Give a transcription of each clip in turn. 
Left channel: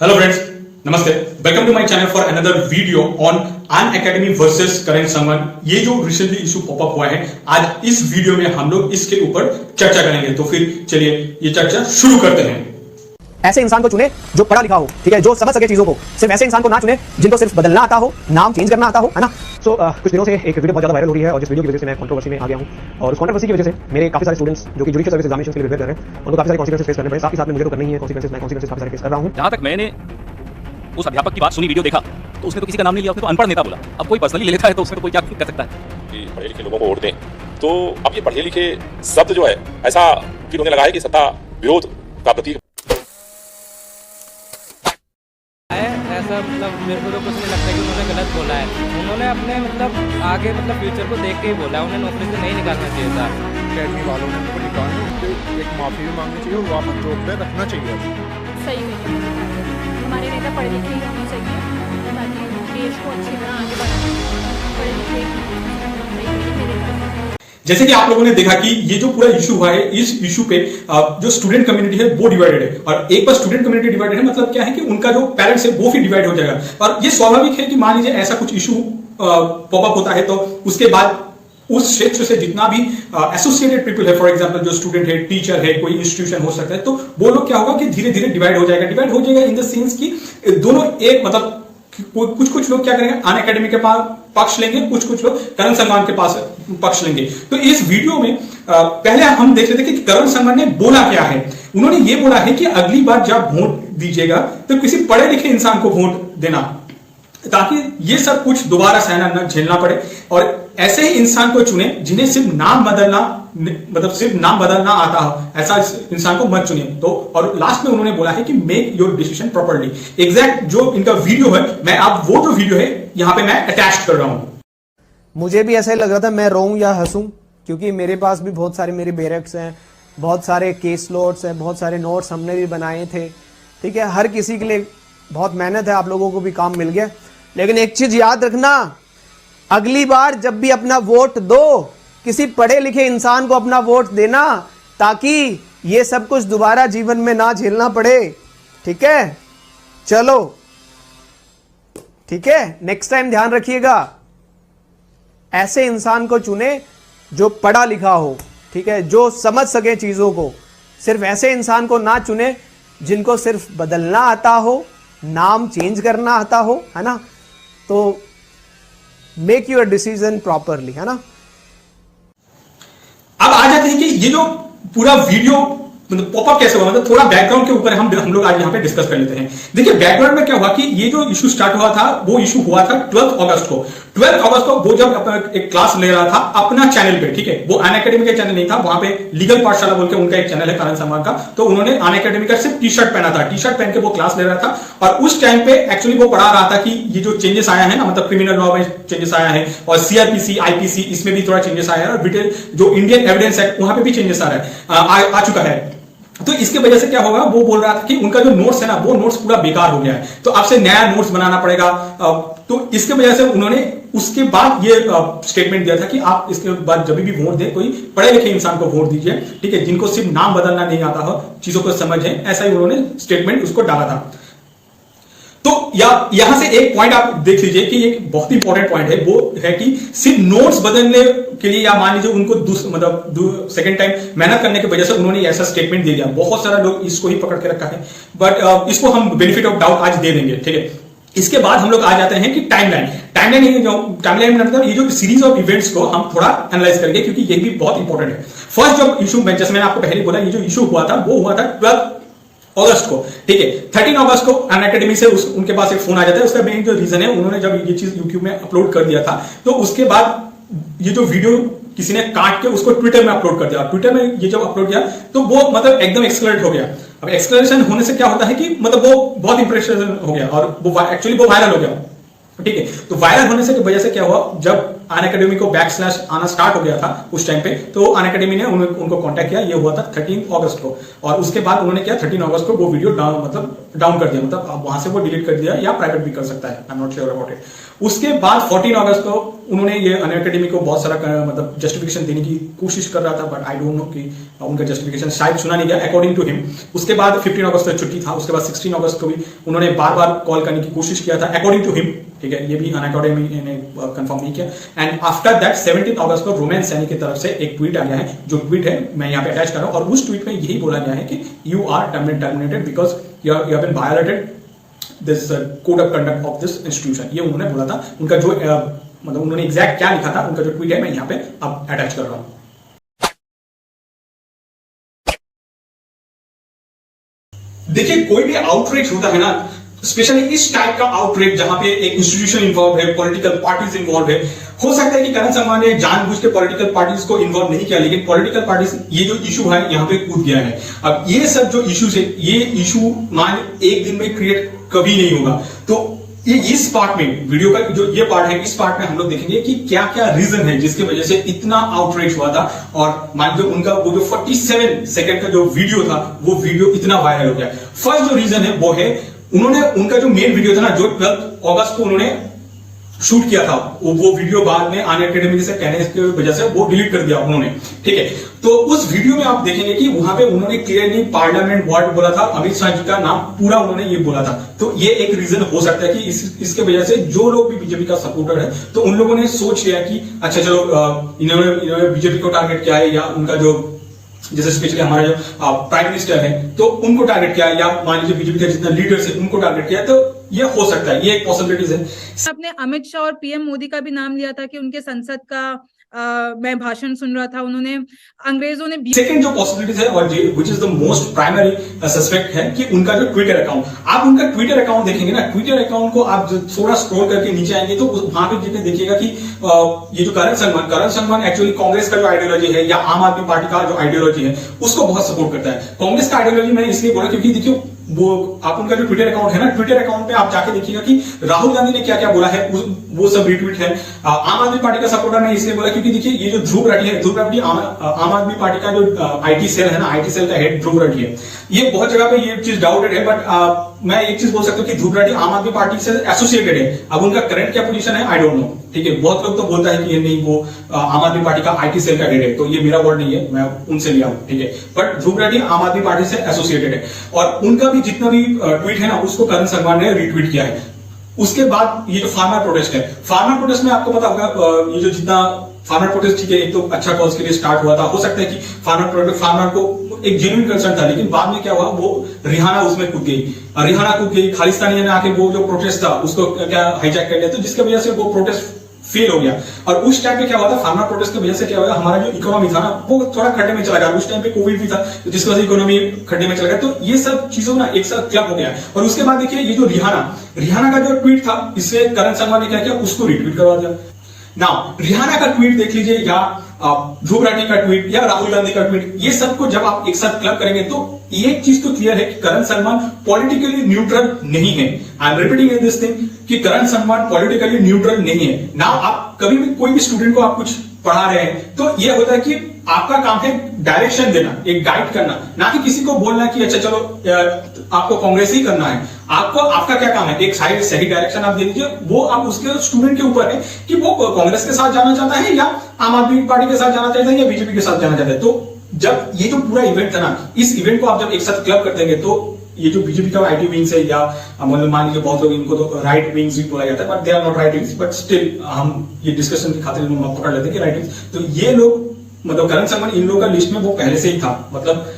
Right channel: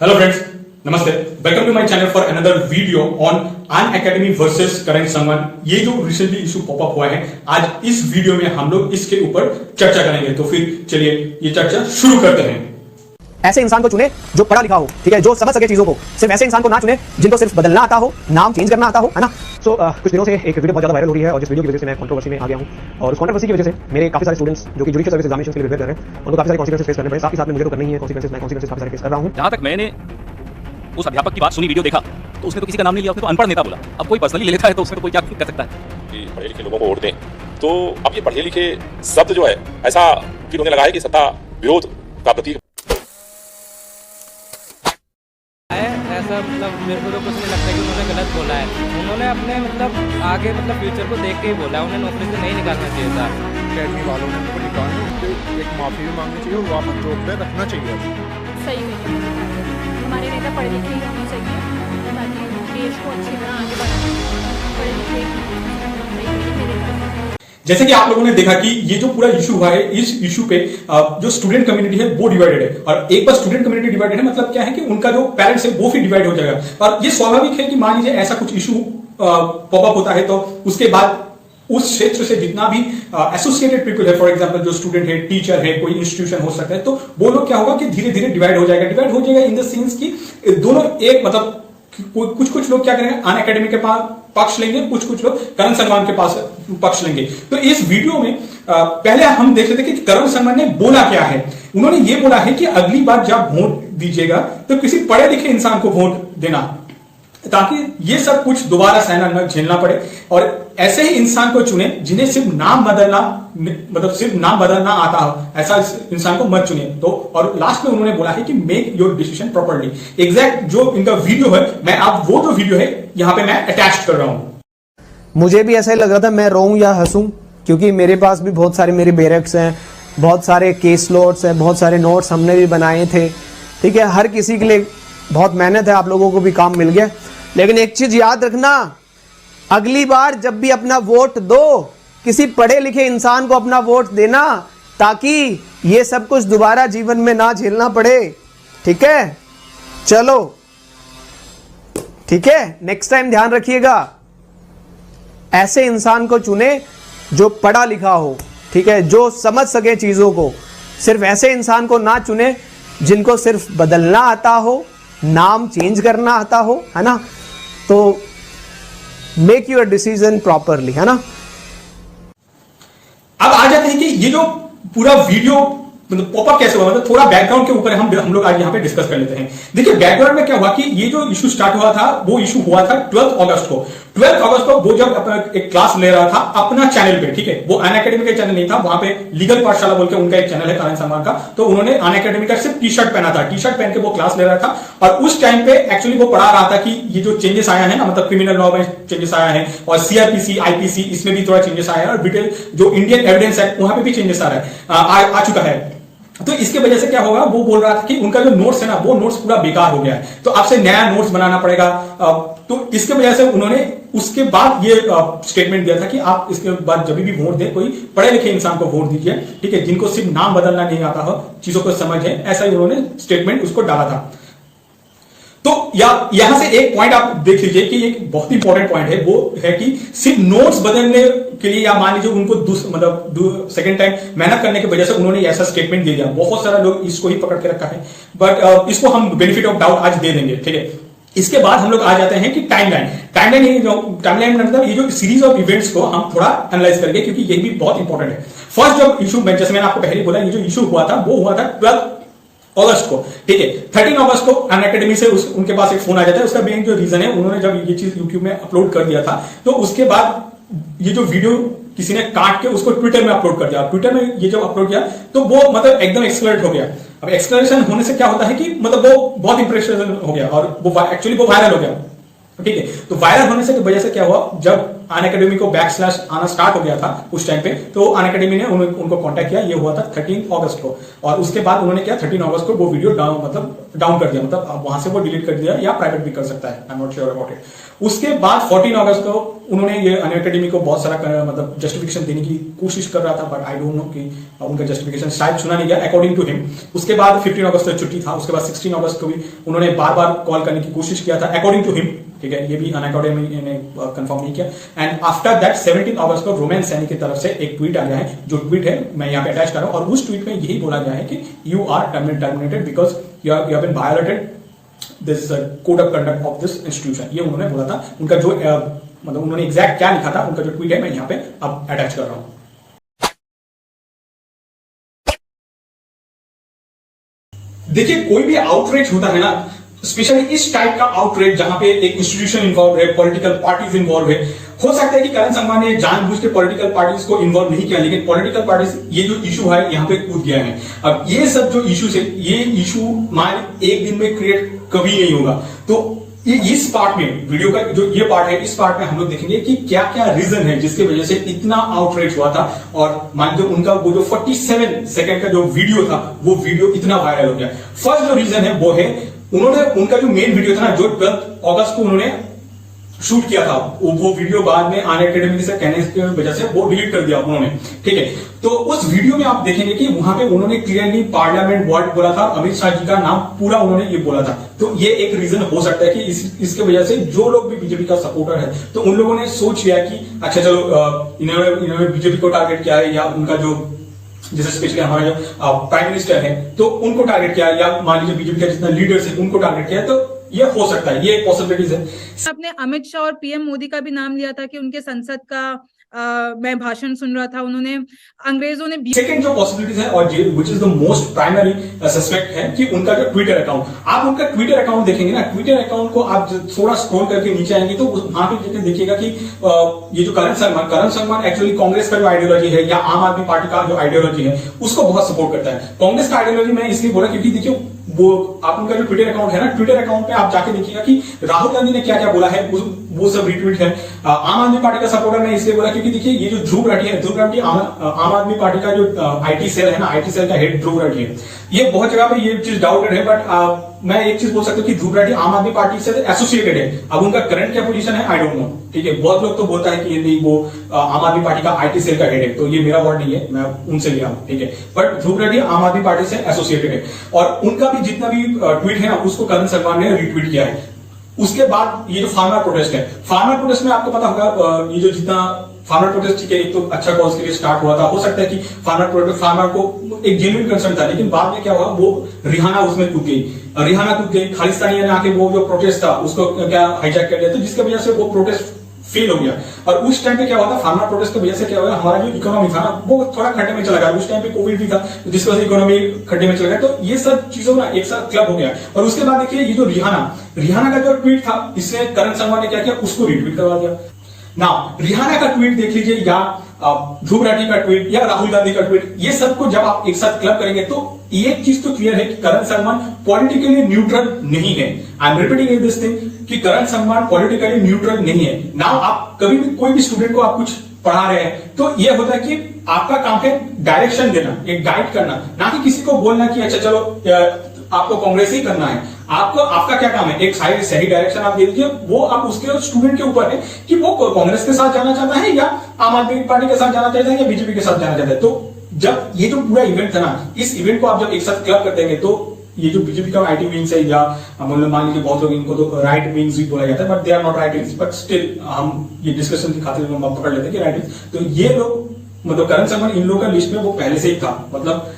Hello friends, नमस्ते। Welcome to my channel for another video on Unacademy versus Karan Sangwan. ये जो recently issue popup हुआ है, आज इस वीडियो में हम लोग इसके ऊपर चर्चा करेंगे। तो फिर चलिए ये चर्चा शुरू करते हैं। ऐसे इंसान को चुने जो पढ़ा लिखा हो, ठीक है, जो समझ सके चीजों को। सिर्फ ऐसे इंसान को ना चुने जिनको सिर्फ बदलना आता हो, नाम चेंज करना आता हो, है ना। कुछ दिनों से एक वीडियो बहुत ज्यादा वायरल हो रही है और जिस वीडियो की वजह से मैं कंट्रोवर्सी में आ गया हूं। और उस कंट्रोवर्सी की वजह से मेरे काफी सारे स्टूडेंट्स जो कि जुडिशियल सर्विस एग्जामिनेशन के लिए प्रिपेयर कर रहे हैं, उनको काफी सारे कॉन्सिक्वेंसेस फेस करने पड़े। साथ ही साथ में मुझे तो करना ही है कॉन्सिक्वेंसेस काफी सारे फेस कर रहा हूं। जहां तक मैंने उस अध्यापक की बात सुनी, वीडियो देखा, तो उसने तो किसी का नाम नहीं लिया, उसने तो अनपढ़ नेता बोला। अब कोई पर्सनली ले लेता है तो उसमें तो कोई क्या कर सकता है कि पढ़े लिखे लोगों को वोट दें। तो अब ये पढ़े लिखे शब्द जो है ऐसा फिर उन्हें लगा है कि सत्ता विरोध का प्रतीक है। ऐसा मतलब मेरे को तो कुछ नहीं लगता कि उन्होंने गलत बोला है। उन्होंने अपने मतलब आगे मतलब फ्यूचर को देख के ही बोला, उन्हें नौकरी से नहीं निकालना चाहिए था। अकेडमी वालों ने उनको निकालने उसके एक माफी भी मांगनी चाहिए और वापस जॉब पे रखना चाहिए। सही में हमारे नेता पढ़े लिखे ही होने चाहिए ताकि देश को अच्छी तरह आगे बढ़ाना। पढ़े लिखे जैसे कि आप लोगों ने देखा कि ये जो पूरा इशू हुआ है, इस इशू पे जो स्टूडेंट कम्युनिटी है वो डिवाइडेड है। और एक बार स्टूडेंट कम्युनिटी डिवाइडेड है मतलब क्या है कि उनका जो पेरेंट्स है वो फिर डिवाइड हो जाएगा। और ये स्वाभाविक है कि मान लीजिए ऐसा कुछ इशू पॉपअप होता है तो उसके बाद उस क्षेत्र से जितना भी एसोसिएटेड पीपल है, फॉर एग्जांपल जो स्टूडेंट है, टीचर है, कोई इंस्टीट्यूशन हो सकता है, तो वो लोग क्या होगा कि धीरे धीरे डिवाइड हो जाएगा इन द सेंस कि दोनों एक मतलब कुछ लोग क्या करेंगे, अनअकैडमी के पास पक्ष लेंगे, कुछ लोग करण संगवान के पास पक्ष लेंगे। तो इस वीडियो में पहले हम देख लेते हैं कि करण संगवान ने बोला क्या है। उन्होंने ये बोला है कि अगली बार जब वोट दीजिएगा तो किसी पढ़े लिखे इंसान को वोट देना, ताकि ये सब कुछ दोबारा सहना न झेलना पड़े। और ऐसे ही इंसान को चुने जिन्हें सिर्फ नाम बदलना आता हो, ऐसा इंसान को मत चुनिए। तो और लास्ट में उन्होंने बोला है कि make your decision properly. Exact जो इनका वीडियो है, मैं आप वो जो वीडियो है यहां पे मैं अटैच कर रहा हूं। मुझे भी ऐसा ही लग रहा था मैं रोऊं या हंसूं, क्योंकि मेरे पास भी बहुत सारे मेरे बैरक्स हैं, बहुत सारे केस नोट्स हैं, बहुत सारे नोट्स हमने भी बनाए थे, ठीक है। हर किसी के लिए बहुत मेहनत है, आप लोगों को भी काम मिल गया। लेकिन एक चीज याद रखना, अगली बार जब भी अपना वोट दो, किसी पढ़े लिखे इंसान को अपना वोट देना, ताकि ये सब कुछ दोबारा जीवन में ना झेलना पड़े, ठीक है। चलो ठीक है, नेक्स्ट टाइम ध्यान रखिएगा, ऐसे इंसान को चुने जो पढ़ा लिखा हो, ठीक है, जो समझ सके चीजों को। सिर्फ ऐसे इंसान को ना चुने जिनको सिर्फ बदलना आता हो, नाम चेंज करना आता हो, है ना। तो मेक योर डिसीजन प्रॉपरली, है ना। अब आ जाते हैं कि ये जो पूरा वीडियो मतलब पॉपअप कैसे हुआ, मतलब थोड़ा बैकग्राउंड के ऊपर हम लोग आज यहाँ पे डिस्कस कर लेते हैं। देखिए बैकग्राउंड में क्या हुआ कि ये जो इशू स्टार्ट हुआ था वो इशू हुआ था 12 अगस्त को। 12 अगस्त को वो जब अपना एक क्लास ले रहा था अपना चैनल पे, ठीक है, वो अनअकैडमी का चैनल नहीं था, वहां पे लीगल पाठशाला बोल के उनका एक चैनल है करण संगवान का। तो उन्होंने अनअकैडमी का सिर्फ टी शर्ट पहना था, टी शर्ट पहन के वो क्लास ले रहा था। और उस टाइम पे एक्चुअली वो पढ़ा रहा था कि ये जो चेंजेस आया है ना, मतलब क्रिमिनल लॉ में चेंजेस आया है और सीआरपीसी, आईपीसी, इसमें भी थोड़ा चेंजेस आया है, और ब्रिटेन जो इंडियन एविडेंस एक्ट वहां पे भी चेंजेस आ चुका है। तो इसके वजह से क्या होगा, वो बोल रहा था कि उनका जो नोट्स है ना, वो नोट्स पूरा बेकार हो गया है, तो आपसे नया नोट्स बनाना पड़ेगा। तो इसके वजह से उन्होंने उसके बाद ये स्टेटमेंट दिया था कि आप इसके बाद जब भी वोट दें, कोई पढ़े लिखे इंसान को वोट दीजिए, ठीक है, जिनको सिर्फ नाम बदलना नहीं आता हो, चीजों को समझ है, ऐसा ही उन्होंने स्टेटमेंट उसको डाला था। तो यहां से एक पॉइंट आप देख लीजिए कि एक बहुत इंपॉर्टेंट पॉइंट है, वो है कि सिर्फ नोट्स बदलने के लिए या मान लीजिए उनको मतलब सेकंड टाइम मेहनत करने की वजह से उन्होंने ऐसा स्टेटमेंट दे दिया। बहुत सारा लोग इसको ही पकड़ के रखा है, बट इसको हम बेनिफिट ऑफ डाउट आज दे देंगे, ठीक है। इसके बाद हम लोग आ जाते हैं कि टाइमलाइन मतलब ये जो सीरीज ऑफ इवेंट्स को हम थोड़ा एनालाइज करेंगे, क्योंकि ये भी बहुत इंपॉर्टेंट है। फर्स्ट जब इशू, जैसे मैंने आपको पहले बोला, ये जो इशू हुआ था वो हुआ था 12 अगस्त को, ठीक है। 13 अगस्त को अनअकैडमी से उनके पास एक फोन आ जाता है। उसका मेन जो रीजन है, उन्होंने जब ये चीज यूट्यूब में अपलोड कर दिया था, तो उसके बाद ये जो वीडियो किसी ने काट के उसको ट्विटर में अपलोड कर दिया। ट्विटर में ये जब अपलोड किया तो वो मतलब एकदम एक्सलरेट हो गया। अब एक्सलरेशन होने से क्या होता है कि मतलब वो बहुत इंप्रेशन हो गया और वो एक्चुअली वो वायरल हो गया, ठीक है। तो वायरल होने से की वजह से क्या हुआ, जब अन अकेडमी को बैकस्लैश आना स्टार्ट हो गया था उस टाइम पे, तो अन अकेडमी ने उनको कांटेक्ट किया। ये हुआ था 13 अगस्त को, और उसके बाद उन्होंने क्या 13 अगस्त को वो वीडियो डाउन कर दिया, मतलब वहां से वो डिलीट कर दिया या प्राइवेट भी कर सकता है, I am not sure about it. उसके बाद 14 अगस्त को उन्होंने ये अन अकेडमी को बहुत सारा मतलब जस्टिफिकेशन देने की कोशिश कर रहा था, बट आई डोंट नो कि उनका जस्टिफिकेशन शायद सुना नहीं गया अकॉर्डिंग टू हिम। उसके बाद 15 अगस्त तक छुट्टी था, उसके बाद 16 अगस्त को भी उन्होंने बार बार कॉल करने की कोशिश किया था अकॉर्डिंग टू हिम, ठीक है, ये भी अन अकेडमी ने कंफर्म नहीं किया। एंड आफ्टर दैट 17 अगस्त को रोमेन सैनी की तरफ से एक ट्वीट आ गया है, जो ट्वीट है मैं यहाँ पे अटैच कर रहा हूँ, और उस ट्वीट में यही बोला गया है कि you are terminated because you have been violated this code of conduct of this institution, ये उन्होंने बोला था। उनका जो मतलब उन्होंने एग्जैक्ट क्या लिखा था, उनका जो ट्वीट है मैं यहाँ पे अब अटैच कर रहा हूं। देखिए, कोई भी आउटरीच होता है ना, स्पेशली इस टाइप का आउटरीच जहां पे एक इंस्टीट्यूशन इन्वॉल्व है, पॉलिटिकल पार्टीज इन्वॉल्व है, हो सकता है कि करण संगवान ने जानबूझ के पॉलिटिकल पार्टीज को इन्वॉल्व नहीं किया, लेकिन पॉलिटिकल पार्टीज ये जो इशू है यहाँ पे कूद गया है। अब ये सब जो इश्यूज है, ये इशू मान एक दिन में क्रिएट कभी नहीं होगा। तो इस पार्ट में, वीडियो का जो ये पार्ट है, इस पार्ट में हम लोग देखेंगे कि क्या क्या रीजन है जिसकी वजह से इतना आउटरीच हुआ था, और मान लो उनका वो जो 47 सेकंड का जो वीडियो था, वो वीडियो इतना वायरल हो गया। फर्स्ट जो रीजन है वो है, उन्होंने उनका जो मेन वीडियो था ना, जो 12 अगस्त को उन्होंने शूट किया था, वो वीडियो बाद में अन अकेडमी से कहने की वजह से वो डिलीट कर दिया उन्होंने, ठीक है। तो उस वीडियो में आप देखेंगे कि वहां पे उन्होंने क्लियरली पार्लियामेंट वर्ड बोला था, अमित शाह जी का नाम पूरा उन्होंने ये बोला था। तो ये एक रीजन हो सकता है कि इसके वजह से जो लोग भी बीजेपी का सपोर्टर है, तो उन लोगों ने सोच लिया कि अच्छा चलो इन्होंने बीजेपी को टारगेट किया है, या उनका जो जैसे स्पेशली हमारा जो प्राइम मिनिस्टर है तो उनको टारगेट किया, या मान लीजिए बीजेपी का जितना लीडर्स है उनको टारगेट किया, तो ये हो सकता है, ये एक पॉसिबिलिटीज है। आपने अमित शाह और पीएम मोदी का भी नाम लिया था कि उनके संसद का मैं भाषण सुन रहा था, उन्होंने अंग्रेजों ने सेकंड जो पॉसिबिलिटीज है, और which is the most primary suspect है, कि उनका जो ट्विटर अकाउंट, आप उनका ट्विटर अकाउंट देखेंगे ना, ट्विटर अकाउंट को आप थोड़ा स्क्रॉल करके नीचे आएंगे तो वहां पे देखिएगा कि ये जो करण संगवान एक्चुअली कांग्रेस का जो आइडियोलॉजी है या आम आदमी पार्टी का जो आइडियोलॉजी है उसको बहुत सपोर्ट करता है। कांग्रेस का आइडियोलॉजी मैंने इसलिए बोला क्योंकि देखिए, वो आप उनका जो ट्विटर अकाउंट है ना, ट्विटर अकाउंट पे आप जाके देखिएगा कि राहुल गांधी ने क्या क्या बोला है, वो सब रिट्वीट है। आम आदमी पार्टी का सपोर्टर मैं इसलिए बोला क्योंकि देखिए, ये जो ध्रुव राठी है, ध्रुव राठी आम आदमी पार्टी का जो आईटी सेल है ना, आईटी सेल का हेड ध्रुव राठी है। ये बहुत जगह पे ये चीज डाउटेड है, बट मैं एक चीज बोल सकता हूँ कि ध्रुव राठी आम आदमी पार्टी से एसोसिएटेड है। अब उनका करंट क्या पोजीशन है आई डोंट नो, ठीक है। बहुत लोग तो बोलता है कि ये नहीं, वो आम आदमी पार्टी का आईटी सेल का हेड है, तो ये मेरा वर्ड नहीं है, मैं उनसे लिया, ठीक है। बट ध्रुव राठी आम आदमी पार्टी से एसोसिएटेड है, और उनका भी जितना भी ट्वीट है ना, उसको करण संगवान ने रिट्वीट किया है। उसके बाद ये जो फार्मर प्रोटेस्ट है, फार्मर प्रोटेस्ट में आपको पता होगा, ये जो जितना फार्मर प्रोटेस्ट, ठीक है, एक तो अच्छा कॉज के लिए स्टार्ट हुआ था, हो सकता है कि फार्मर को एक जेन्युइन कंसर्न था, लेकिन बाद में क्या हुआ, वो रिहाना उसमें कूद गई, खालिस्तानी ने आके वो जो प्रोटेस्ट था उसको क्या हाईजैक कर लिया, तो जिसकी वजह से वो प्रोटेस्ट फेल हो गया। और उस टाइम पे क्या हुआ था, फार्मर प्रोटेस्ट की वजह से क्या हुआ, हमारा जो इकोनॉमी था ना, वो थोड़ा खड्डे में चला गया। उस टाइम पे कोविड भी था, जिसकी वजह से इकोनॉमी खड्डे में चला गया। तो ये सब चीजों का एक साथ क्लब हो गया। और उसके बाद देखिए, ये जो रिहाना का जो ट्वीट था, इससे करण संगवान ने क्या किया, उसको रिट्वीट करवा दिया। ना रिहाना का ट्वीट देख लीजिए, या ध्रुव राठी का ट्वीट, या राहुल गांधी का ट्वीट, ये सबको जब आप एक साथ क्लब करेंगे तो एक चीज तो क्लियर है कि करण संगवान पॉलिटिकली न्यूट्रल नहीं है। I am repeating this thing कि करण संगवान पॉलिटिकली न्यूट्रल नहीं है ना। आप कभी भी कोई भी स्टूडेंट को आप कुछ पढ़ा रहे हैं तो यह होता है कि आपका काम है डायरेक्शन देना, एक गाइड करना, ना कि किसी को बोलना कि अच्छा चलो आपको कांग्रेस ही करना है। आपका क्या काम है, एक सही डायरेक्शन आप दे दीजिए। वो आप उसके स्टूडेंट के ऊपर है कि वो कांग्रेस के साथ जाना चाहता है, या आम आदमी पार्टी के साथ जाना चाहता है, या बीजेपी के साथ जाना चाहता है। तो जब ये जो पूरा इवेंट था ना, इस इवेंट को आप जब एक साथ क्लब कर देंगे तो ये जो बीजेपी का आईटी विंग्स है, या मतलब मान लीजिए बहुत लोग इनको तो राइट विंग्स भी बोला जाता है, but they are not right wings, but still हम ये डिस्कशन की खातिर हम पकड़ लेते हैं कि राइट विंग्स। तो ये लोग मतलब करण संगवान इन लोगों का लिस्ट में वो पहले से ही था, मतलब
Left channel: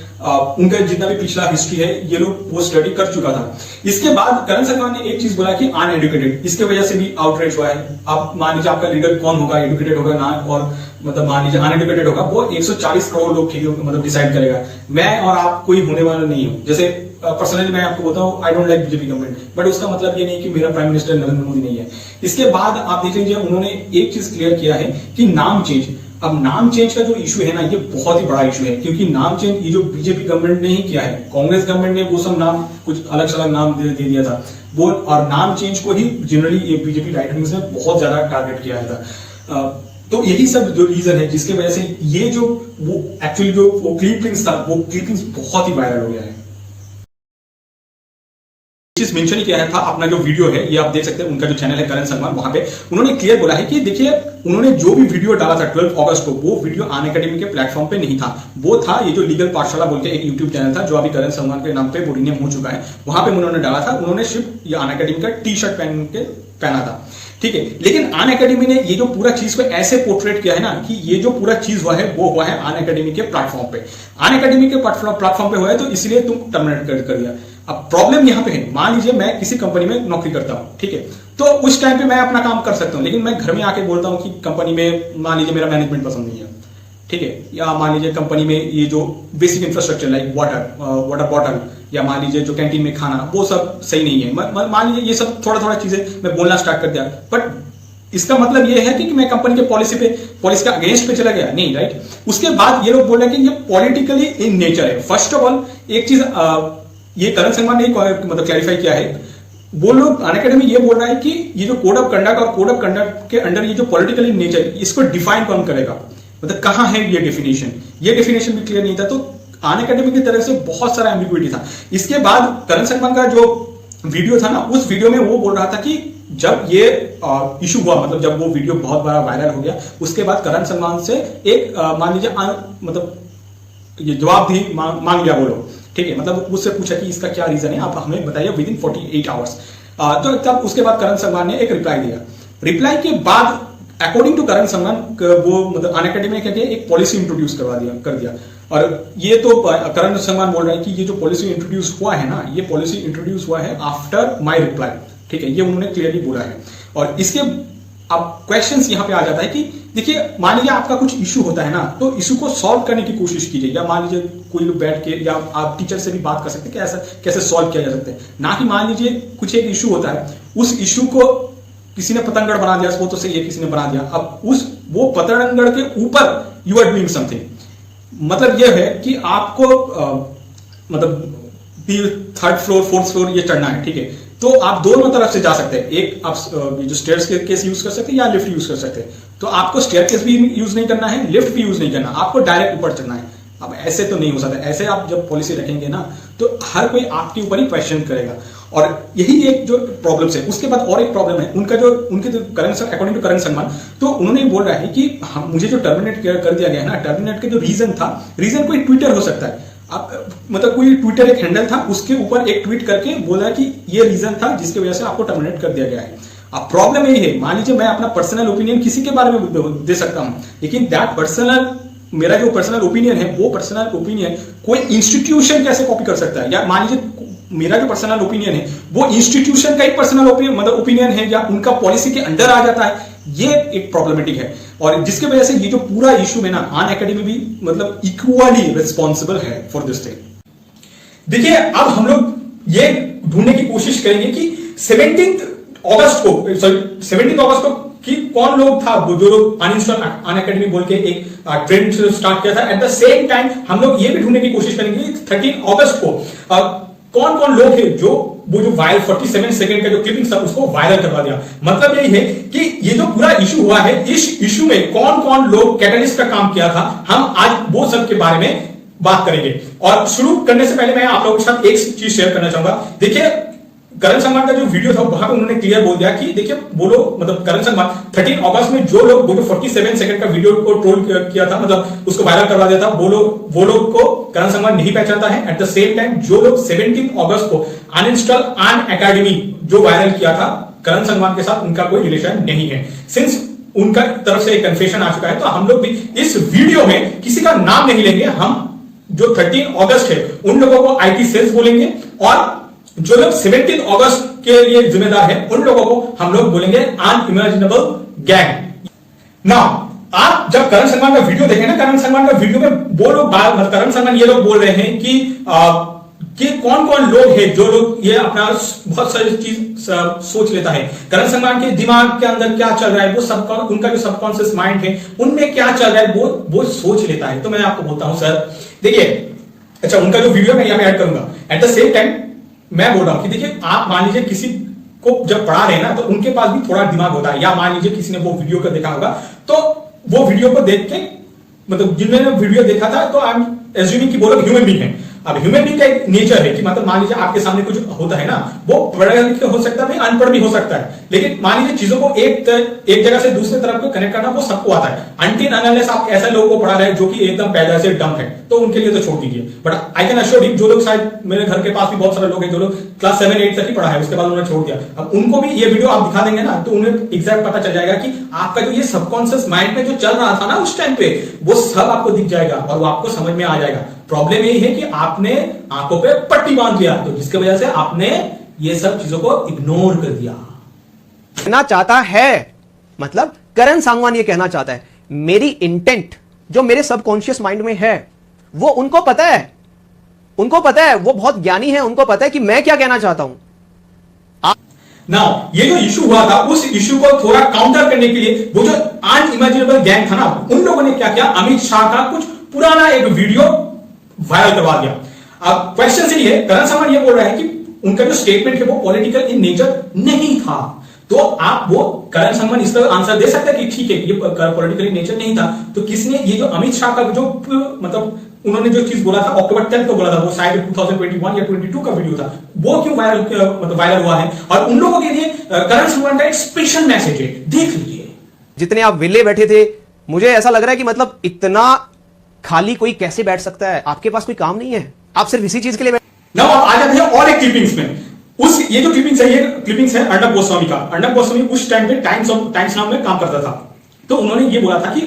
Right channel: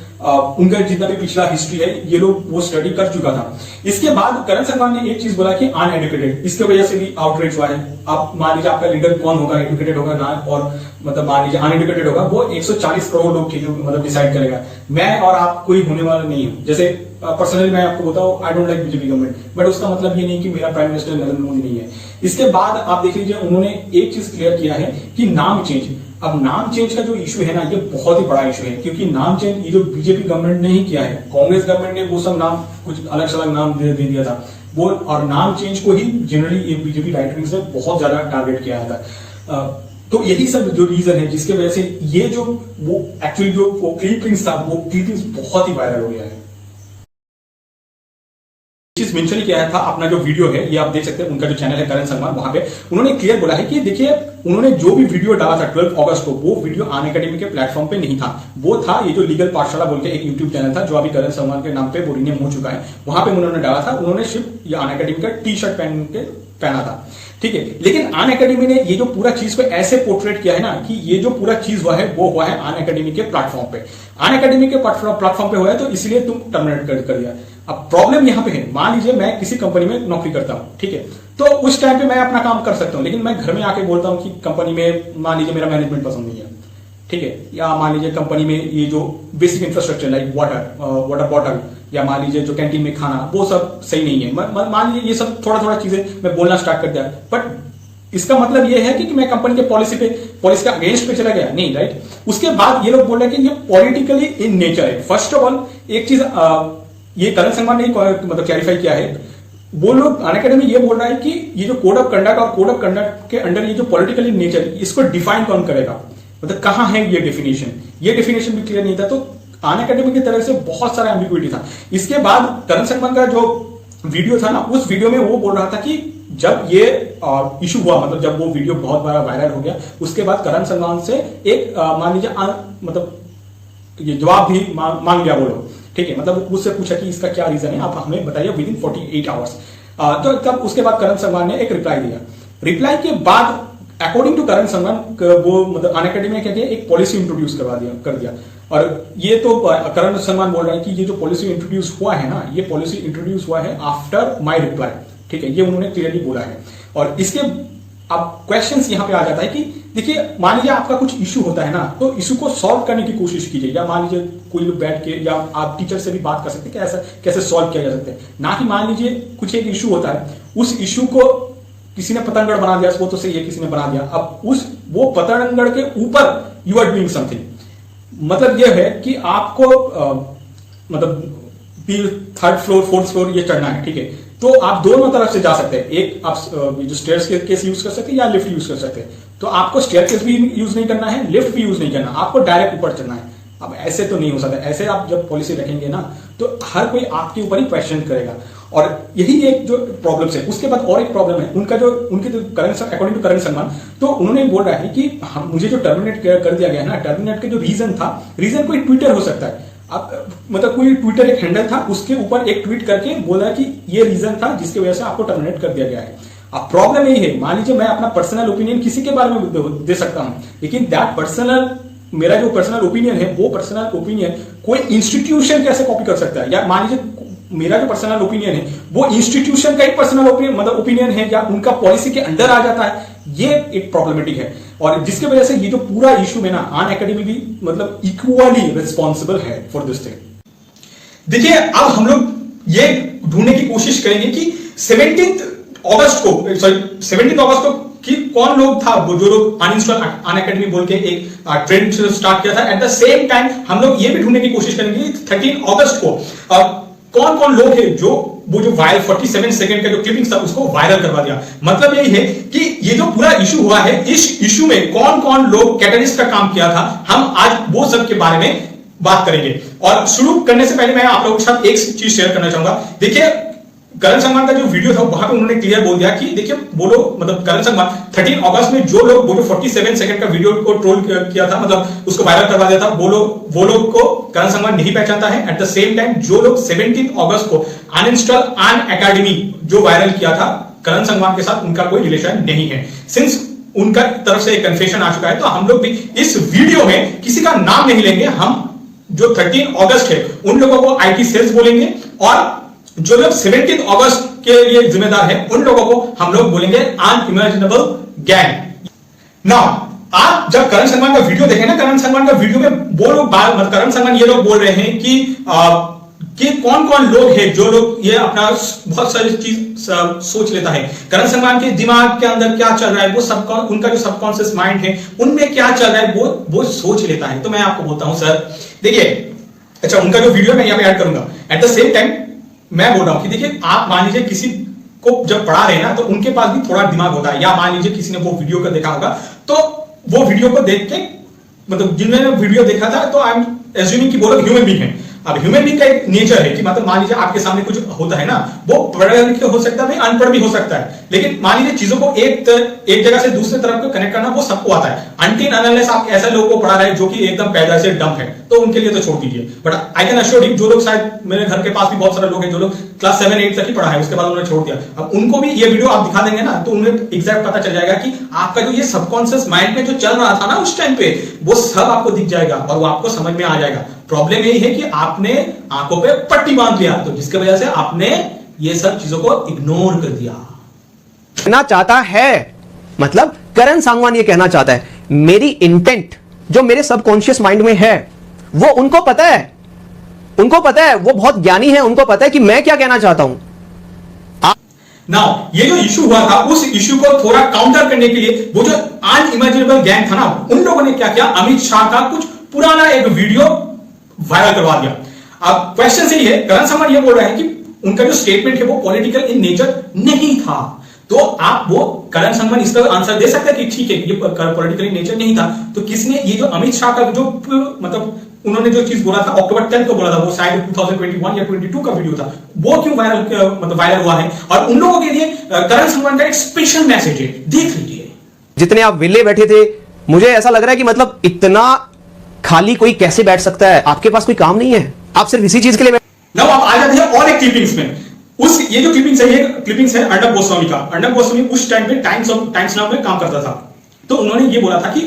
उनका जितना भी पिछला हिस्ट्री है ये लोग वो स्टडी कर चुका था। इसके बाद करण संगवान ने एक चीज बोला कि अनएडुकेटेड, इसके वजह से भी आउटरीच हुआ है। आप मान लीजिए आपका लीडर कौन होगा, एडुकेटेड होगा ना, और मतलब मान लीजिए अनएडुकेटेड होगा, वो 140 करोड़ लोग की मतलब डिसाइड करेगा। मैं और आप कोई होने वाला नहीं हो। जैसे पर्सनली मैं आपको बताऊं, I don't like BJP government, but उसका मतलब ये नहीं कि मेरा प्राइम मिनिस्टर नरेंद्र मोदी नहीं है। इसके बाद आप देख लीजिए, उन्होंने एक चीज क्लियर किया है कि नाम चेंज। अब नाम चेंज का जो इशू है ना, ये बहुत ही बड़ा इशू है, क्योंकि नाम चेंज ये जो बीजेपी गवर्नमेंट ने ही किया है। कांग्रेस गवर्नमेंट ने वो सब नाम कुछ अलग अलग नाम दे दिया था वो, और नाम चेंज को ही जनरली ये बीजेपी राइट विंग्स ने बहुत ज्यादा टारगेट किया था। तो यही सब जो रीजन है जिसकी वजह से ये जो वो एक्चुअली जो वो क्लिपिंग्स था वो क्लिपिंग्स बहुत ही वायरल हो गया है। चीज मेंशन ही किया था अपना जो वीडियो है ये आप देख सकते हैं, उनका जो चैनल है करण संगवान, वहां पे उन्होंने क्लियर बोला है कि देखिए उन्होंने जो भी वीडियो डाला था 12 अगस्त को वो वीडियो अनअकैडमी के प्लेटफॉर्म पे नहीं था, वो था ये जो लीगल पाठशाला बोल के एक यूट्यूब चैनल था जो अभी करण संगवान के नाम पे वो रीनेम हो चुका है, वहां पे उन्होंने डाला था। उन्होंने सिर्फ ये अनअकैडमी का टी शर्ट पहना था, ठीक है। लेकिन अनअकैडमी ने ये जो पूरा चीज को ऐसे पोर्ट्रेट किया है ना कि ये जो पूरा चीज हुआ है वो हुआ है अनअकैडमी के प्लेटफॉर्म पे, अनअकैडमी के प्लेटफॉर्म पे हुआ है तो इसलिए तुम टर्मिनेट कर दिया। अब प्रॉब्लम यहां पे है, मान लीजिए मैं किसी कंपनी में नौकरी करता हूं, ठीक है, तो उस टाइम पे मैं अपना काम कर सकता हूं, लेकिन मैं घर में आके बोलता हूं कि कंपनी में मान लीजिए मेरा मैनेजमेंट पसंद नहीं है, ठीक है, या मान लीजिए कंपनी में ये जो basic infrastructure like water bottle या मान लीजिए जो कैंटीन में खाना वो सब सही नहीं है, मान लीजिए ये सब थोड़ा चीजें मैं बोलना स्टार्ट कर दिया, बट इसका मतलब ये है कि मैं कंपनी के पॉलिसी के अगेंस्ट पे चला गया नहीं, राइट। उसके बाद ये लोग बोल रहे हैं कि ये पॉलिटिकली इन नेचर है। फर्स्ट ऑफ ऑल एक चीज ये करण संगवान ने मतलब क्लैरिफाई किया है, वो लोग अनअकैडमी ये बोल रहा है कि ये जो कोड ऑफ कंडक्ट और कोड ऑफ कंडक्ट के अंडर ये जो पॉलिटिकली नेचर इसको डिफाइन कौन करेगा, मतलब कहां है ये डेफिनेशन भी क्लियर नहीं था, तो अनअकैडमी की तरफ से बहुत सारा एम्बिग्विटी था। इसके बाद करण संगवान का जो वीडियो था ना, उस वीडियो में वो बोल रहा था कि जब ये इशू हुआ, मतलब जब वो वीडियो बहुत बड़ा वायरल हो गया, उसके बाद करण संगवान से एक मान लीजिए मतलब ये जवाब भी मांग लिया वो लोग, ठीक है, मतलब उससे पूछा कि इसका क्या रीजन है, आप हमें बताइए विद इन 48 आवर्स। तो तब उसके बाद करण संगवान ने एक रिप्लाई दिया। रिप्लाई के बाद अकॉर्डिंग टू करण संगवान वो मतलब अनअकैडमी ने क्या किया, एक पॉलिसी इंट्रोड्यूस कर दिया। और ये तो करण संगवान बोल रहे हैं कि ये जो पॉलिसी इंट्रोड्यूस हुआ है ना, ये पॉलिसी इंट्रोड्यूस हुआ है आफ्टर माय रिप्लाई, ठीक है, ये उन्होंने क्लियरली बोला है। और इसके अब क्वेश्चंस यहां पे आ जाता है कि देखिए मान लीजिए आपका कुछ इशू होता है ना, तो इशू को सॉल्व करने की कोशिश कीजिए, या मान लीजिए कोई लोग बैठ के या आप टीचर से भी बात कर सकते हैं कि ऐसा कैसे सॉल्व किया जा सकता है, ना कि मान लीजिए कुछ एक इशू होता है, उस इशू को किसी ने पतंगड़ बना दिया, वो तो सही है किसी ने बना दिया, अब वो पतंगड़ के ऊपर यू आर डूइंग समथिंग, मतलब यह है कि आपको मतलब 3rd फ्लोर 4th फ्लोर ये चढ़ना है, ठीक है, तो आप दोनों तरफ से जा सकते हैं, एक आप जो स्टेयर्स केस यूज कर सकते हैं या लिफ्ट यूज कर सकते हैं। तो आपको स्टेयर केस भी यूज नहीं करना है, लिफ्ट भी यूज नहीं करना, आपको डायरेक्ट ऊपर चढ़ना है। अब ऐसे तो नहीं हो सकता, ऐसे आप जब पॉलिसी रखेंगे ना तो हर कोई आपके ऊपर ही क्वेश्चन करेगा, और यही एक जो प्रॉब्लम्स है। उसके बाद और एक प्रॉब्लम है उनका जो अकॉर्डिंग टू करण संगवान, तो उन्होंने बोल रहा है कि मुझे जो टर्मिनेट कर दिया गया है ना, टर्मिनेट के जो रीजन था, रीजन कोई ट्विटर हो सकता है, मतलब कोई ट्विटर एक हैंडल था, उसके ऊपर एक ट्वीट करके बोला कि ये रीजन था जिसकी वजह से आपको टर्मिनेट कर दिया गया है। अब प्रॉब्लम यही है, मान लीजिए मैं अपना पर्सनल ओपिनियन किसी के बारे में दे सकता हूं, लेकिन मेरा जो पर्सनल ओपिनियन है वो पर्सनल ओपिनियन कोई इंस्टीट्यूशन कैसे कॉपी कर सकता है, या मान लीजिए मेरा जो पर्सनल ओपिनियन है वो इंस्टीट्यूशन का ही पर्सनल ओपिनियन है या उनका पॉलिसी के अंडर आ जाता है, ये एक प्रॉब्लमेटिक है। और जिसकी वजह से ये जो पूरा इशू है ना, अनअकैडमी भी मतलब इक्वली रिस्पॉन्सिबल है फॉर दिस थिंग। देखिए अब हम लोग ये ढूंढने की कोशिश करेंगे कि 17 अगस्त को कि कौन लोग था वो जो लोग अनइंस्टॉल अनअकैडमी बोल के एक ट्रेंड स्टार्ट किया था। एट द सेम टाइम हम लोग ये भी ढूंढने की कोशिश करेंगे 13 अगस्त को कौन कौन लोग हैं जो वो जो वायरल 47 सेकंड का जो क्लिपिंग था उसको वायरल करवा दिया। मतलब यही है कि ये जो पूरा इशू हुआ है, इस इशू में कौन कौन लोग कैटलिस्ट का काम किया था, हम आज वो सब के बारे में बात करेंगे। और शुरू करने से पहले मैं आप लोगों के साथ एक चीज शेयर करना चाहूंगा। देखिए करण संगवान का जो वीडियो था वहां पे उन्होंने क्लियर बोल दिया कि देखिए वो लोग मतलब करण संगवान 13 अगस्त में जो लोग वो जो 47 सेकंड का वीडियो को ट्रोल किया था, मतलब उसको वायरल करवा दिया था, वो लोग को करण संगवान नहीं पहचानता है। एट द सेम टाइम जो लोग 17 अगस्त को अनइंस्टॉल अनअकैडमी जो वायरल किया था, करण संगवान के साथ उनका कोई रिलेशन नहीं है। सिंस उनका तरफ से एक कन्फेशन आ चुका है, तो हम लोग भी इस वीडियो में किसी का नाम नहीं लेंगे। हम जो 13 अगस्त है उन लोगों को आईटी सेल्स बोलेंगे, और जो लोग 17 अगस्त के लिए जिम्मेदार है उन लोगों को हम लोग बोलेंगे अनइमेजिनेबल गैंग। नाउ आप जब करण संगवान का वीडियो देखें ना, करण संगवान का वीडियो में वो लोग करण संगवान ये लोग बोल रहे हैं कि कौन कौन लोग हैं जो लोग ये अपना बहुत सारी चीज सोच लेता है। करण संगवान के दिमाग के अंदर क्या चल रहा है, वो उनका जो सबकॉन्शियस माइंड है उनमें क्या चल रहा है वो सोच लेता है। तो मैं आपको बोलता हूं सर देखिए, अच्छा उनका जो वीडियो मैं यहां पे ऐड करूंगा। एट द सेम टाइम मैं बोल रहा हूं कि देखिए आप मान लीजिए किसी को जब पढ़ा रहे हैं ना, तो उनके पास भी थोड़ा दिमाग होता है। या मान लीजिए किसी ने वो वीडियो को देखा होगा, तो वो वीडियो को देख के मतलब जिन्होंने वीडियो देखा था, तो आई एम एज्यूमिंग कि वो लोग ह्यूमन बीइंग है। अब ह्यूमन बीइंग का एक नेचर है कि मतलब मान लीजिए आपके सामने कुछ होता है ना, वो पढ़ा लिखा हो सकता है, अनपढ़ भी हो सकता है, लेकिन मान लीजिए चीजों को एक जगह से दूसरे तरफ को कनेक्ट करना वो सबको आता है। अनटिल अनलेस आप ऐसे लोगों को पढ़ा रहे हैं जो कि एकदम पैदा से डम है, तो उनके लिए तो छोड़ दीजिए। But I can assure you, जो लोग शायद मेरे घर के पास भी बहुत सारे लोग हैं जो लोग क्लास 7-8 तक ही पढ़ा है, उसके बाद उन्होंने छोड़ दिया। अब उनको भी ये वीडियो आप दिखा देंगे ना, तो उन्हें एग्जैक्ट पता चल जाएगा कि आपका जो ये सबकॉन्शियस माइंड में जो चल रहा था ना उस टाइम पे, वो सब आपको दिख जाएगा और वो आपको समझ में आ जाएगा। प्रॉब्लम यही है कि आपने आंखों पे पट्टी बांध दिया, तो जिसकी वजह से आपने ये सब चीजों को इग्नोर कर दिया। कहना चाहता है, मतलब करण सांगवान ये कहना चाहता है, मेरी इंटेंट जो मेरे सबकॉन्शियस माइंड में है वो उनको पता है, उनको पता है, वो बहुत ज्ञानी है, उनको पता है कि मैं क्या कहना चाहता हूं। नाउ ये जो इशू हुआ था, उस इशू को थोड़ा काउंटर करने के लिए वो जो अनइमेजिनेबल गैंग था ना, उन लोगों ने क्या किया, अमित शाह का कुछ पुराना एक वीडियो वायरल करवा दिया। अब क्वेश्चन से ये करण सांगवान ये बोल रहे हैं कि उनका जो स्टेटमेंट है वो पॉलिटिकल इन नेचर नहीं था। तो आप वो करण सांगवान इस पर आंसर दे सकते हैं कि ठीक है ये पॉलिटिकल इन नेचर नहीं था, तो किसने ये जो अमित शाह का जो मतलब उन्होंने जो चीज बोला था अक्टूबर 10 को बोला था, वो शायद 2021 या 22 का वीडियो था, वो क्यों वायरल हुआ है? और उन लोगों के लिए करण सांगवान का एक स्पेशल मैसेज है, देख लीजिए। जितने आप विले बैठे थे, मुझे ऐसा लग रहा है कि मतलब इतना खाली कोई कैसे बैठ सकता है? आपके पास कोई काम नहीं है, आप सिर्फ इसी चीज के लिए नाउ आप आ जाते हैं और एक क्लिपिंग्स में। ये जो क्लिपिंग्स है, ये क्लिपिंग्स है अर्णब गोस्वामी का। अर्णब गोस्वामी उस टाइम पे टाइम्स नाउ में काम करता था, तो उन्होंने ये बोला था कि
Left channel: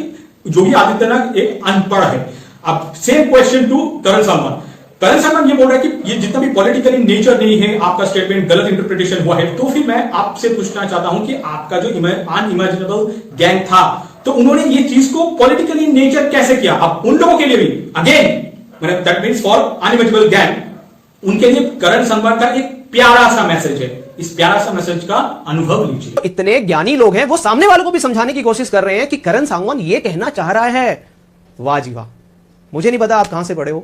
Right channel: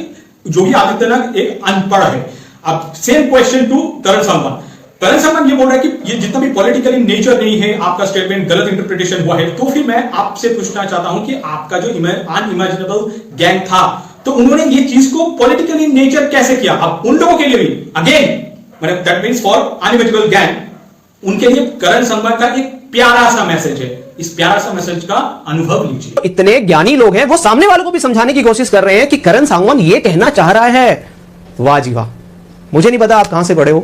योगी आदित्यनाथ एक अनपढ़ है। अब सेम क्वेश्चन टू करण सांगवान। करण सांगवान ये बोल रहा है कि ये जितना भी पॉलिटिकल इन नेचर नहीं है, आपका स्टेटमेंट गलत इंटरप्रिटेशन हुआ है। तो फिर मैं आपसे पूछना चाहता हूं कि आपका जो अनइमेजिनेबल गैंग था, तो उन्होंने ये चीज को पॉलिटिकल इन नेचर कैसे किया? अब उन लोगों के लिए भी again that means for unimaginable gang, उनके लिए करण सांगवान का एक प्यारा सा मैसेज है। इस प्यारा सा मैसेज का अनुभव लीजिए। इतने ज्ञानी लोग हैं, वो सामने वालों को भी समझाने की कोशिश कर रहे हैं कि करण सांगवान ये कहना चाह रहा है। वाह जी वाह, मुझे नहीं पता आप कहां से पढ़े हो,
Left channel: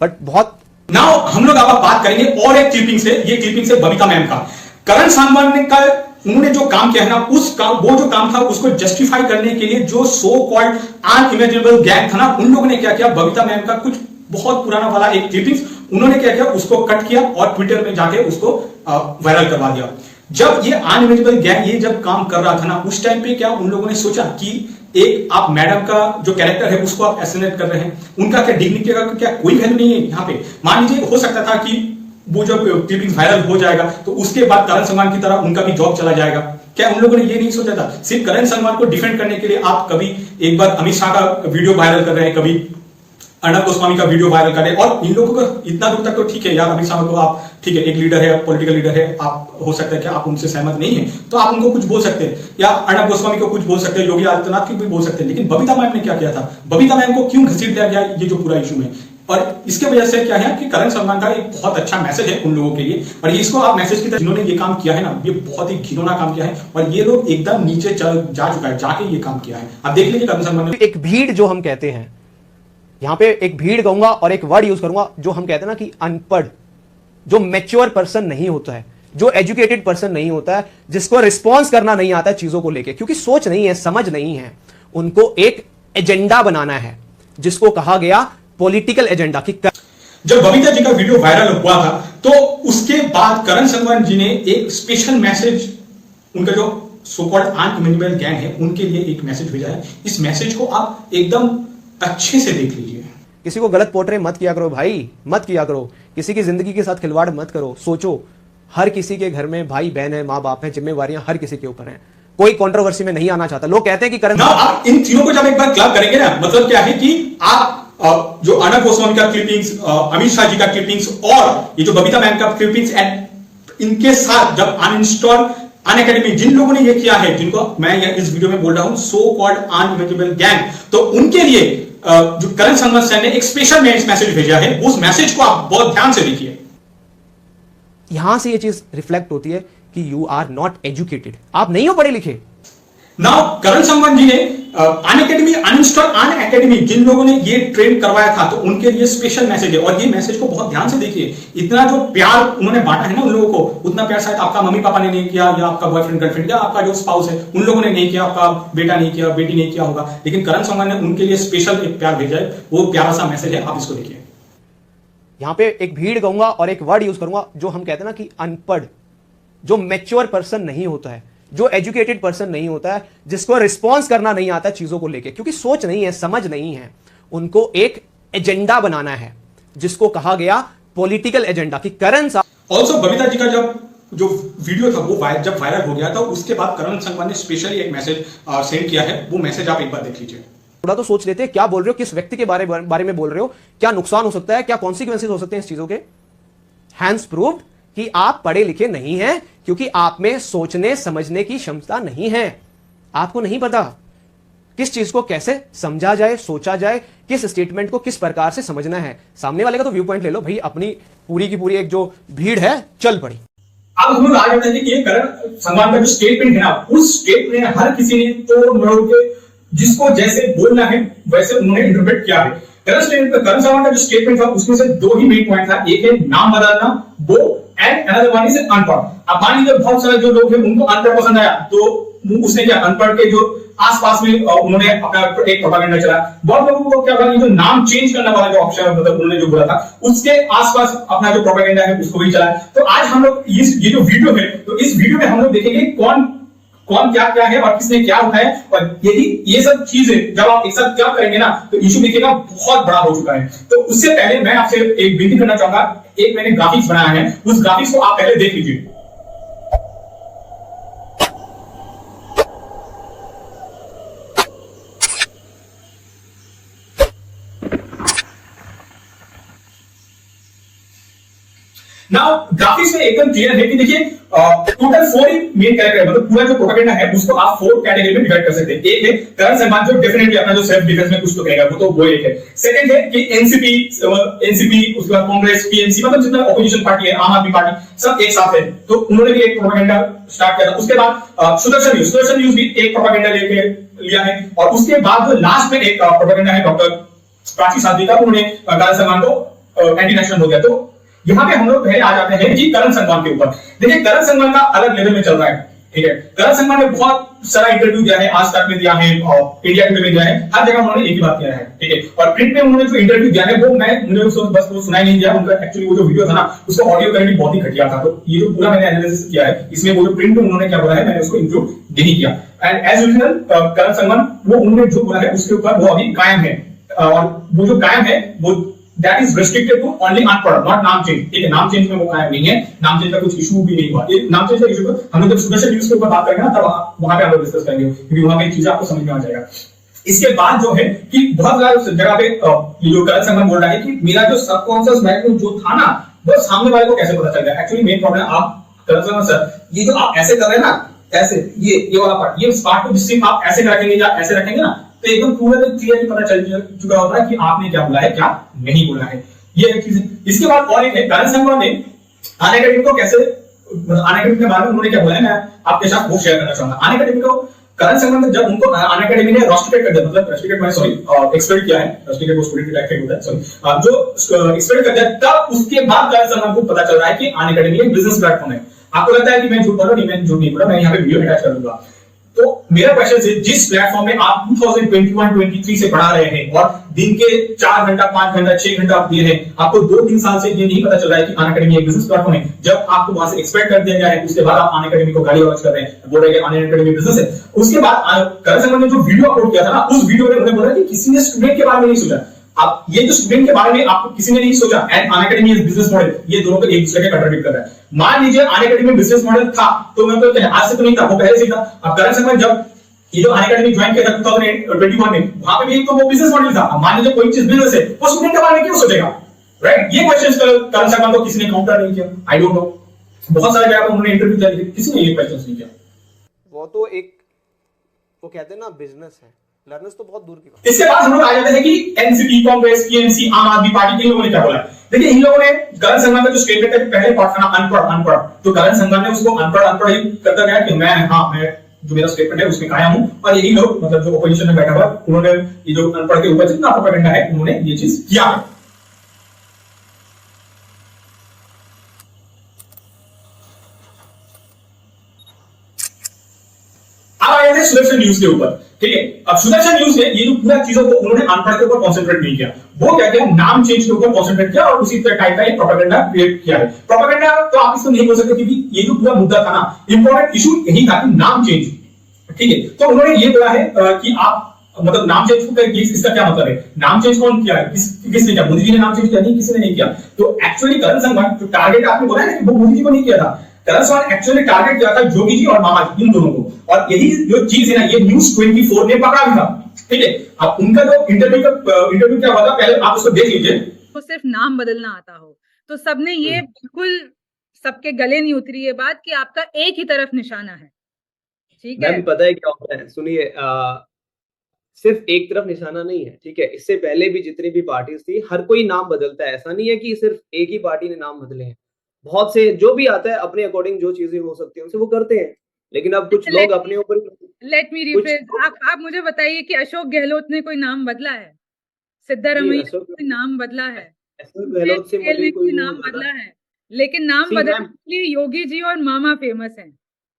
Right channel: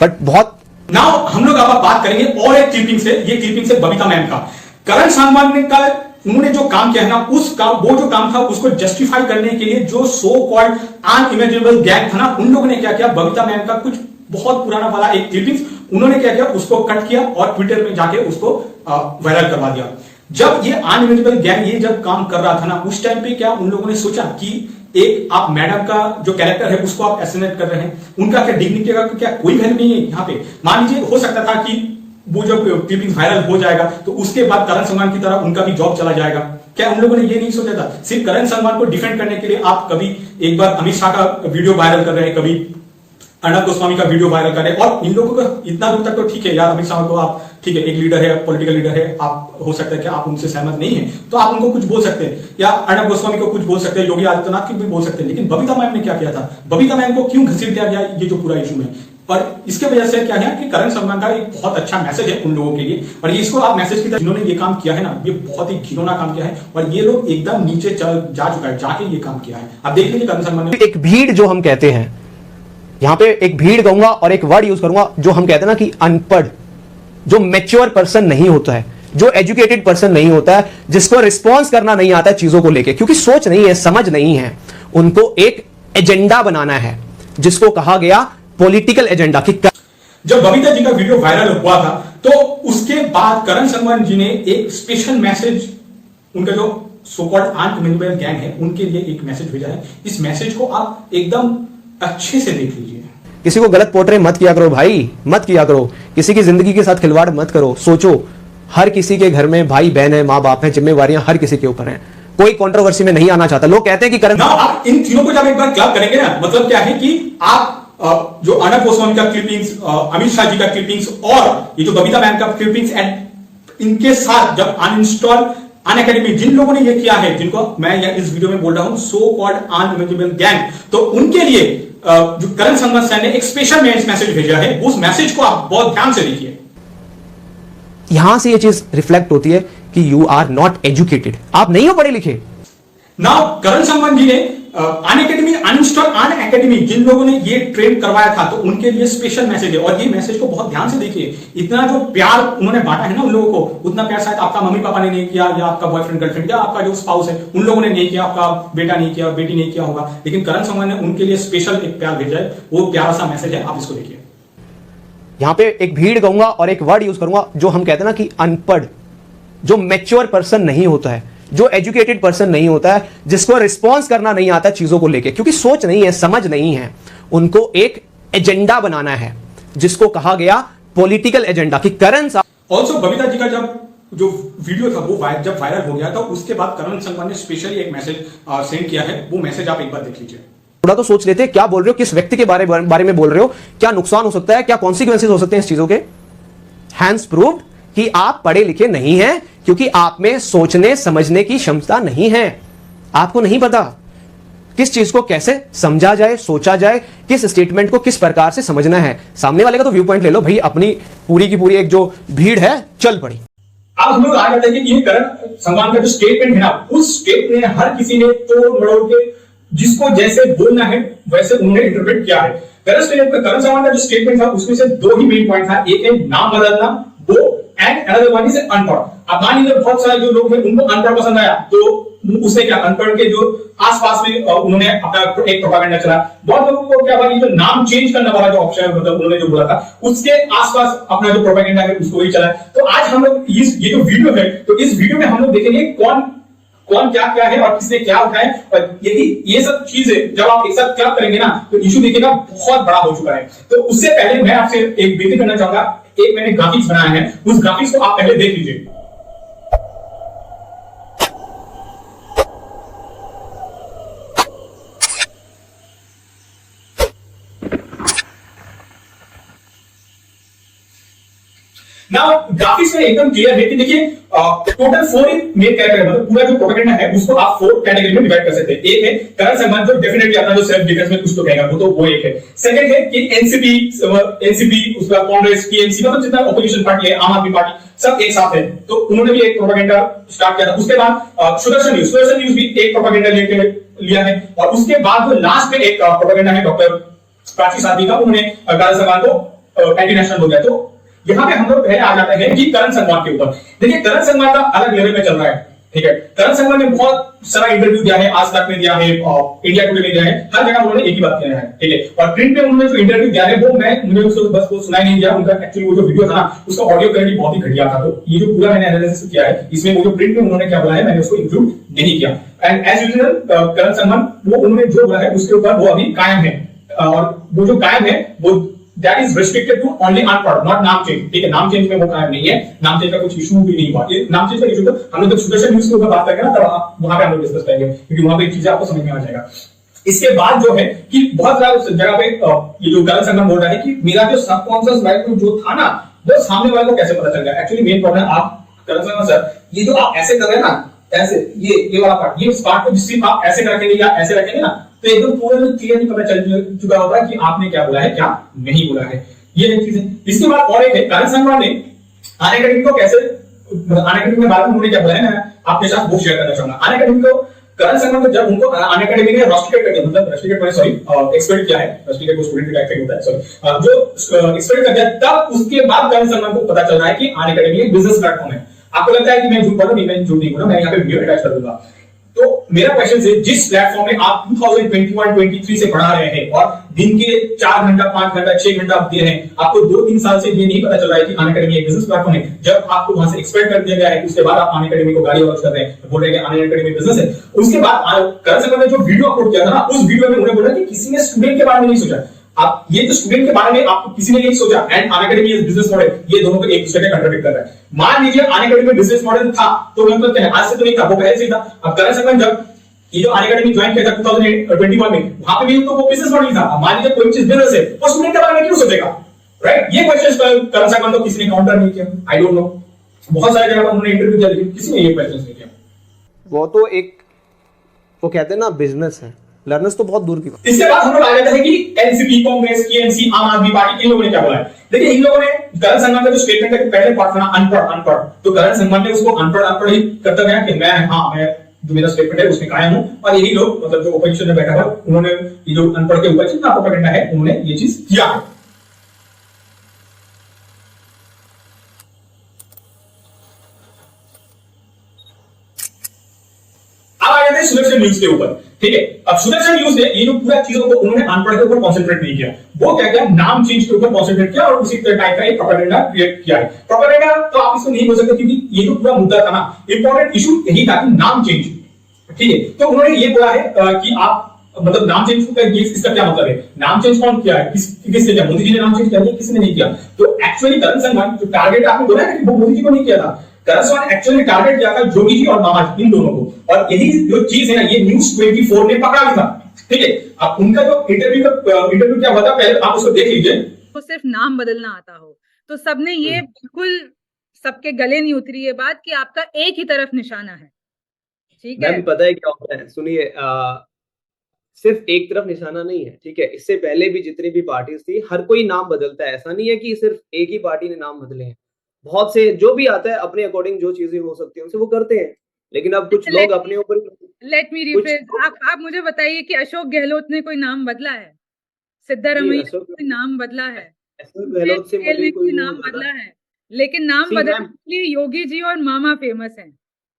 बट बहुत। नाउ हम लोग अब बात करेंगे और एक क्लिपिंग से। ये क्लिपिंग से बबीता मैम का। करण सांगवान ने कल उन्होंने जो काम किया है ना, वो जो काम था उसको जस्टिफाई करने के लिए जो सो कॉल्ड अनइमेजिनेबल गैंग था ना, उन लोगों ने क्या किया, बबीता मैम का कुछ बहुत पुराना वाला एक क्लिपिंग्स उन्होंने क्या किया, उसको कट किया और ट्विटर में जाके उसको वायरल करवा दिया। जब ये अनइमेजिनेबल गैंग ये जब काम कर रहा था ना, उस टाइम पे क्या उन लोगों ने सोचा कि एक आप मैडम का जो कैरेक्टर है उसको आप एसेसिनेट कर रहे हैं, उनका क्या डिग्निटी का क्या कोई वैल्यू नहीं है यहाँ पे? मान लीजिए हो सकता था कि वो जब क्लिपिंग वायरल हो जाएगा तो उसके बाद करण सांगवान की तरह उनका भी जॉब चला जाएगा। क्या उन लोगों ने ये नहीं सोचा था? सिर्फ करण सांगवान को डिफेंड करने के लिए आप कभी एक बार अमित शाह का वीडियो वायरल कर रहे हैं, कभी अर्णब गोस्वामी का वीडियो वायरल कर रहे हैं, और इन लोगों को इतना दूर तक तो ठीक है यार, अमित शाह को आप ठीक है एक लीडर है, पॉलिटिकल लीडर है, आप हो सकता है कि आप उनसे सहमत नहीं है तो आप उनको कुछ बोल सकते हैं, या अर्णब गोस्वामी को कुछ बोल सकते हैं, योगी आदित्यनाथ को भी बोल सकते हैं। लेकिन बबीता मैम ने क्या किया था? बबीता मैम को क्यों घसीट दिया गया ये जो पूरा इशू है? और इसके वजह से क्या है कि करण सांगवान का एक बहुत अच्छा मैसेज है उन लोगों के लिए, और ये इसको आप मैसेज की तरह जिन्होंने ये काम किया है ना, ये बहुत ही घिनौना काम किया है, और ये लोग एकदम नीचे जा चुका है, जाके ये काम किया है। आप देख लीजिए करण सांगवान ने एक भीड़ जो हम कहते हैं, यहां पे एक भीड़ कहूंगा और एक वर्ड यूज करूंगा जो हम कहते हैं ना कि अनपढ़, जो मैच्योर पर्सन नहीं होता है, जो एजुकेटेड पर्सन नहीं होता है, जिसको रिस्पॉन्स करना नहीं आता है चीजों को लेके, क्योंकि सोच नहीं है, समझ नहीं है, उनको एक एजेंडा बनाना है जिसको कहा गया पॉलिटिकल एजेंडा। कि जब बबीता जी का वीडियो वायरल हुआ था तो उसके बाद करण सांगवान जी ने एक स्पेशल मैसेज, उनका जो सो कॉल्ड अनइमेजिनेबल गैंग है उनके लिए एक मैसेज भेजा है। इस मैसेज को आप एकदम अच्छे से देख लीजिए। किसी को गलत पोर्ट्रे मत किया करो भाई, मत किया करो, किसी की जिंदगी के साथ खिलवाड़ मत करो। सोचो हर किसी के घर में भाई बहन है, माँ बाप है, जिम्मेवारियां हर किसी के ऊपर हैं। कोई कंट्रोवर्सी में नहीं आना चाहता। लोग कहते हैं कि करण, आप इन तीनों को जब एक बार क्लब करेंगे ना, मतलब क्या है कि आप जो अर्णब गोस्वामी का क्लिपिंग्स, अमित शाह जी का क्लिपिंग्स और ये जो बबीता मैम का क्लिपिंग्स, एंड इनके साथ जब अनइंस्टॉल अनअकैडमी जिन लोगों ने ये किया है, जिनको मैं इस वीडियो में बोल रहा हूं सो कॉल्ड अनइमेजिनेबल गैंग, तो उनके लिए जो करण सांगवान सर ने एक स्पेशल मैसेज भेजा है, उस मैसेज को आप बहुत ध्यान से देखिए। यहां से ये चीज रिफ्लेक्ट होती है कि यू आर नॉट एजुकेटेड, आप नहीं हो पढ़े लिखे। नाउ करण सांगवान जी ने अनअकैडमी अनइंस्टॉल अनअकैडमी जिन लोगों ने ये ट्रेन करवाया था तो उनके लिए स्पेशल मैसेज है। और ये मैसेज को बहुत ध्यान से देखिए, इतना जो प्यार उन्होंने बांटा है ना उन लोगों को, उतना प्यार शायद आपका मम्मी पापा ने नहीं किया, या आपका बॉयफ्रेंड गर्लफ्रेंड या आपका जो स्पाउस है उन लोगों ने नहीं किया, आपका बेटा नहीं किया, बेटी नहीं किया होगा, लेकिन करण संगवान ने उनके लिए स्पेशल एक प्यार भेजा है। वो प्यारा सा मैसेज है, आप इसको देखिए। यहां पे एक भीड़ कहूंगा और एक वर्ड यूज करूंगा जो हम कहते हैं ना कि अनपढ़, जो मैच्योर पर्सन नहीं होता है, जो एजुकेटेड पर्सन नहीं होता है, जिसको रिस्पॉन्स करना नहीं आता चीजों को लेके, क्योंकि सोच नहीं है, समझ नहीं है, उनको एक एजेंडा बनाना है जिसको कहा गया पॉलिटिकल एजेंडा कि करण साहब। ऑल्सो बबीता जी का जब जो वीडियो था वो जब वायरल हो गया था उसके बाद करण संगवान ने स्पेशली एक मैसेज सेंड किया है। वो मैसेज आप एक बार देख लीजिए। थोड़ा तो सोच लेते हैं क्या बोल रहे हो, किस व्यक्ति के बारे में बोल रहे हो, क्या नुकसान हो सकता है, क्या कॉन्सिक्वेंसेज हो सकते हैं इस चीजों के। हैंड्स प्रूव्ड कि आप पढ़े लिखे नहीं हैं, क्योंकि आप में सोचने समझने की क्षमता नहीं है। आपको नहीं पता किस चीज को कैसे समझा जाए, सोचा जाए, किस स्टेटमेंट को किस प्रकार से समझना है। सामने वाले का तो व्यू पॉइंट ले लो भाई, अपनी पूरी की पूरी एक जो भीड़ है चल पड़ी। अब हम लोग आ जाते हैं कि ये करण संगवान का जो स्टेटमेंट है ना, उस स्टेटमेंट में हर किसी ने तोड़ मरोड़ के जिसको जैसे बोलना है वैसे उन्होंने इंटरप्रेट किया है। करण संगवान का जो स्टेटमेंट था उसमें से दो ही मेन पॉइंट था, एक है नाम बदलना वो, एंड अनदर वन इज अनपढ़। अब मान लीजिए बहुत सारे जो लोग हैं उनको अनपढ़ पसंद आया तो उसने क्या अनपढ़ के जो आसपास में उन्होंने अपना एक प्रोपेगेंडा चलाया। बहुत लोगों को क्या ये जो नाम चेंज करने वाला जो ऑप्शन है, मतलब उन्होंने जो बोला था उसके आसपास अपना जो प्रोपेगेंडा है उसको भी चलाया। तो आज हम लोग ये जो वीडियो है, तो इस वीडियो में हम लोग देखेंगे कौन क्या क्या है और किसने क्या उठाया। और यदि ये सब चीजें जब आप एक साथ क्या करेंगे ना तो इशू देखिएगा बहुत बड़ा हो चुका है। तो उससे पहले मैं आपसे एक विनती करना चाहूंगा, एक मैंने ग्राफिक्स बनाया है, उस ग्राफिक्स को आप पहले देख लीजिए। नाउ ग्राफिक्स में एकदम क्लियर है कि देखिए टोटल 4 मेन कैटेगरी, मतलब पूरा जो प्रोपेगेंडा है उसको आप 4 कैटेगरी में डिवाइड कर सकते हैं। एक है करण संगवान जो डेफिनेटली अपना जो सेल्फ डिफेंस में कुछ तो कहेगा, वो तो वो एक है। सेकंड है कि एनसीपी उसका कांग्रेस टीएमसी, मतलब जितना ऑपोजिशन पार्टी है, आम आदमी पार्टी, सब एक साथ है, तो उन्होंने भी एक प्रोपेगेंडा स्टार्ट किया था। उसके बाद सुदर्शन न्यूज भी एक प्रोपेगेंडा लेके लिया है। और उसके बाद जो लास्ट में एक प्रोपेगेंडा है डॉक्टर प्राची साध्वी का, उन्होंने करण संगवान को एंटी नेशनल हो गया। तो यहाँ पे हम लोग पहले आ जाते हैं कि करण संगवान के ऊपर। देखिए करण संगवान का अलग लेवल में चल रहा है, ठीक है। करण संगवान ने बहुत सारा इंटरव्यू दिया है, आज तक में दिया है, इंडिया टुडे में दिया है, हर जगह उन्होंने एक ही बात किया है, ठीक है। और प्रिंट में उन्होंने जो इंटरव्यू दिया है वो मुझे उसको बस वो सुनाई नहीं दिया, उनका एक्चुअली वो जो वीडियो था ना उसका ऑडियो क्वालिटी बहुत ही घटिया था। तो ये जो पूरा मैंने एनालिसिस किया है इसमें वो जो प्रिंट में उन्होंने क्या बोला है मैंने उसको इंक्लूड नहीं किया। एंड एज यूजुअल करण संगवान वो उन्होंने जो बोला है उसके ऊपर वो अभी कायम है, और वो जो कायम है वो that is restricted to only unpढ़, not नाम चेंज, ठीक है। नाम चेंज में वो कायम नहीं है, नाम चेंज का कुछ इशू भी नहीं हुआ। ये नाम चेंज का इशू तो हम लोग जब सुदर्शन न्यूज के ऊपर बात करेंगे ना तब वहां पे हम लोग डिस्कस करेंगे, क्योंकि वहां पे एक चीज आपको समझ में आ जाएगा। इसके बाद जो है कि बहुत सारी जगह पे ये जो करण संगवान बोल रहा है कि मेरा जो सबकॉन्शियस माइंड में जो था ना वो सामने वाले को कैसे पता चल गया। एक्चुअली मेन प्रॉब्लम आप करण संगवान सर, ये जो आप ऐसे कर रहे हैं ना, ऐसे ये वाला पार्ट, ये पार्ट को सिर्फ आप ऐसे रखेंगे या ऐसे रखेंगे ना तो एकदम पूरा क्लियरली पता चल चुका होगा कि आपने क्या बोला है क्या नहीं बोला है। ये एक चीज है। इसके बाद और एक है करण संगवान ने अनअकैडमी को कैसे, अनअकैडमी के बारे में उन्होंने क्या बोला है मैं आपके साथ वो शेयर करना चाहूंगा। अनअकैडमी को करण संगवान जब उनको अनअकैडमी ने रस्टिकेट कर दिया, मतलब रस्टिकेट मैंने सॉरी एक्सपेक्ट किया है, रस्टिकेट को स्टूडेंट का इफेक्ट होता है सॉरी, जो एक्सपेक्ट कर दिया तब उसके बाद करण संगवान को पता चल रहा है कि अनअकैडमी एक बिजनेस प्लेटफॉर्म है। आपको लगता है कि मैं झूठ बोल रहा हूं, नहीं मैं झूठ नहीं बोल रहा, मैं यहाँ पे वीडियो अटैच कर दूंगा। तो मेरा क्वेश्चन है जिस प्लेटफॉर्म में आप 2021-23 से पढ़ा रहे हैं और दिन के 4 घंटा 5 घंटा 6 घंटा आप दे रहे हैं, आपको 2-3 साल से ये नहीं पता चल रहा है कि अनअकैडमी एक बिजनेस प्लेटफॉर्म है। जब आपको वहां से एक्सपेक्ट कर दिया गया है उसके बाद आप अनअकैडमी को गाली गलौज कर रहे हैं, बोल रहे हैं कि अनअकैडमी बिजनेस है। उसके बाद करण संगवान ने जो वीडियो अपलोड किया था ना उस वीडियो में उन्होंने बोला कि किसी ने स्टूडेंट के बारे में नहीं सोचा। आप ये जो स्टूडेंट के बारे में आप किसी ने नहीं सोचा, and Unacademy is business model, ये दोनों को एक दूसरे के कंट्राडिक्ट कर रहा है। मान लीजिए अनअकैडमी में बिजनेस मॉडल था तो मैं कहता आज से तो नहीं था, वो पहले से था। अब करण संगवान जब ये जो अनअकैडमी ज्वाइन किया था 2021 में, वहां पे भी तो वो बिजनेस मॉडल था। मान लीजिए कोई चीज बिजनेस है, वो स्टूडेंट के बारे में क्यों सोचेगा, राइट? ये क्वेश्चन करण संगवान को किसी ने काउंटर नहीं किया, आई डोंट नो। बहुत सारे जगह पर उन्होंने इंटरव्यू दिया लेकिन किसी ने ये क्वेश्चन नहीं किया। वो तो एक वो कहते हैं ना बिजनेस है, लर्नर्स तो बहुत दूर की बात। इसके बाद हम लोग आ जाते हैं कि एनसीपी, कांग्रेस, टीएमसी, आम आदमी पार्टी, इन लोगों ने क्या बोला है। देखिए इन लोगों ने करण संगवान का जो स्टेटमेंट है पहले पार्ट था ना अनपढ़, तो करण संगवान ने उसको अनपढ़ ही करता गया कि मैं जो मेरा स्टेटमेंट है उसमें कायम हूं, और यही लोग मतलब जो ओपोजिशन में बैठा हुआ उन्होंने ये जो अनपढ़ के ऊपर जितना प्रोपेगेंडा है उन्होंने ये चीज किया है। सुदर्शन न्यूज के ऊपर, ठीक है। अब सुदर्शन न्यूज ने ये जो पूरा चीजों को उन्होंने अनपढ़ के ऊपर कॉन्सेंट्रेट नहीं किया, वो क्या किया, नाम चेंज के ऊपर कॉन्सेंट्रेट किया और उसी टाइप का एक प्रोपेगेंडा क्रिएट किया है। प्रोपेगेंडा तो आप इसको नहीं बोल सकते क्योंकि ये जो पूरा मुद्दा था ना, इंपॉर्टेंट इशू यही था कि नाम चेंज, ठीक है। तो उन्होंने ये बोला है कि आप मतलब नाम चेंज को इसका क्या मतलब है, नाम चेंज कौन किया है, किसने किया, मोदी जी ने नाम चेंज किया, नहीं किसी ने नहीं किया। तो एक्चुअली करण संगवान जो टारगेट आपने बोला है कि वो मोदी जी को नहीं किया था, करण संगवान एक्चुअली टारगेट किया था योगी जी और मामा जी, इन दोनों को। और यही जो चीज है ना, ये न्यूज़ 24 ने पकड़ा भी था, ठीक है। अब उनका जो इंटरव्यू क्या हुआ था, पहले आप उसको देख लीजिए। तो सिर्फ नाम बदलना आता हो तो सबने ये बिल्कुल सबके गले नहीं उतरी ये बात कि आपका एक ही तरफ निशाना है, ठीक है। मैम पता है क्या होता है, सुनिए, सिर्फ एक तरफ निशाना नहीं है, ठीक है। इससे पहले भी जितनी भी पार्टीज थी, हर कोई नाम बदलता है, ऐसा नहीं है कि सिर्फ एक ही पार्टी ने नाम बदले हैं। बहुत से जो भी आता है अपने अकॉर्डिंग जो चीजें हो सकती है उनसे वो करते हैं, लेकिन अब कुछ लोग अपने ऊपर लेट मी रिफ्रेज, आप मुझे बताइए कि अशोक गहलोत ने कोई नाम बदला है, सिद्धारमैया ने कोई नाम बदला है, अशोक गहलोत से मुझे कोई नाम बदला है, लेकिन नाम बदलने के लिए योगी जी और मामा फेमस हैं।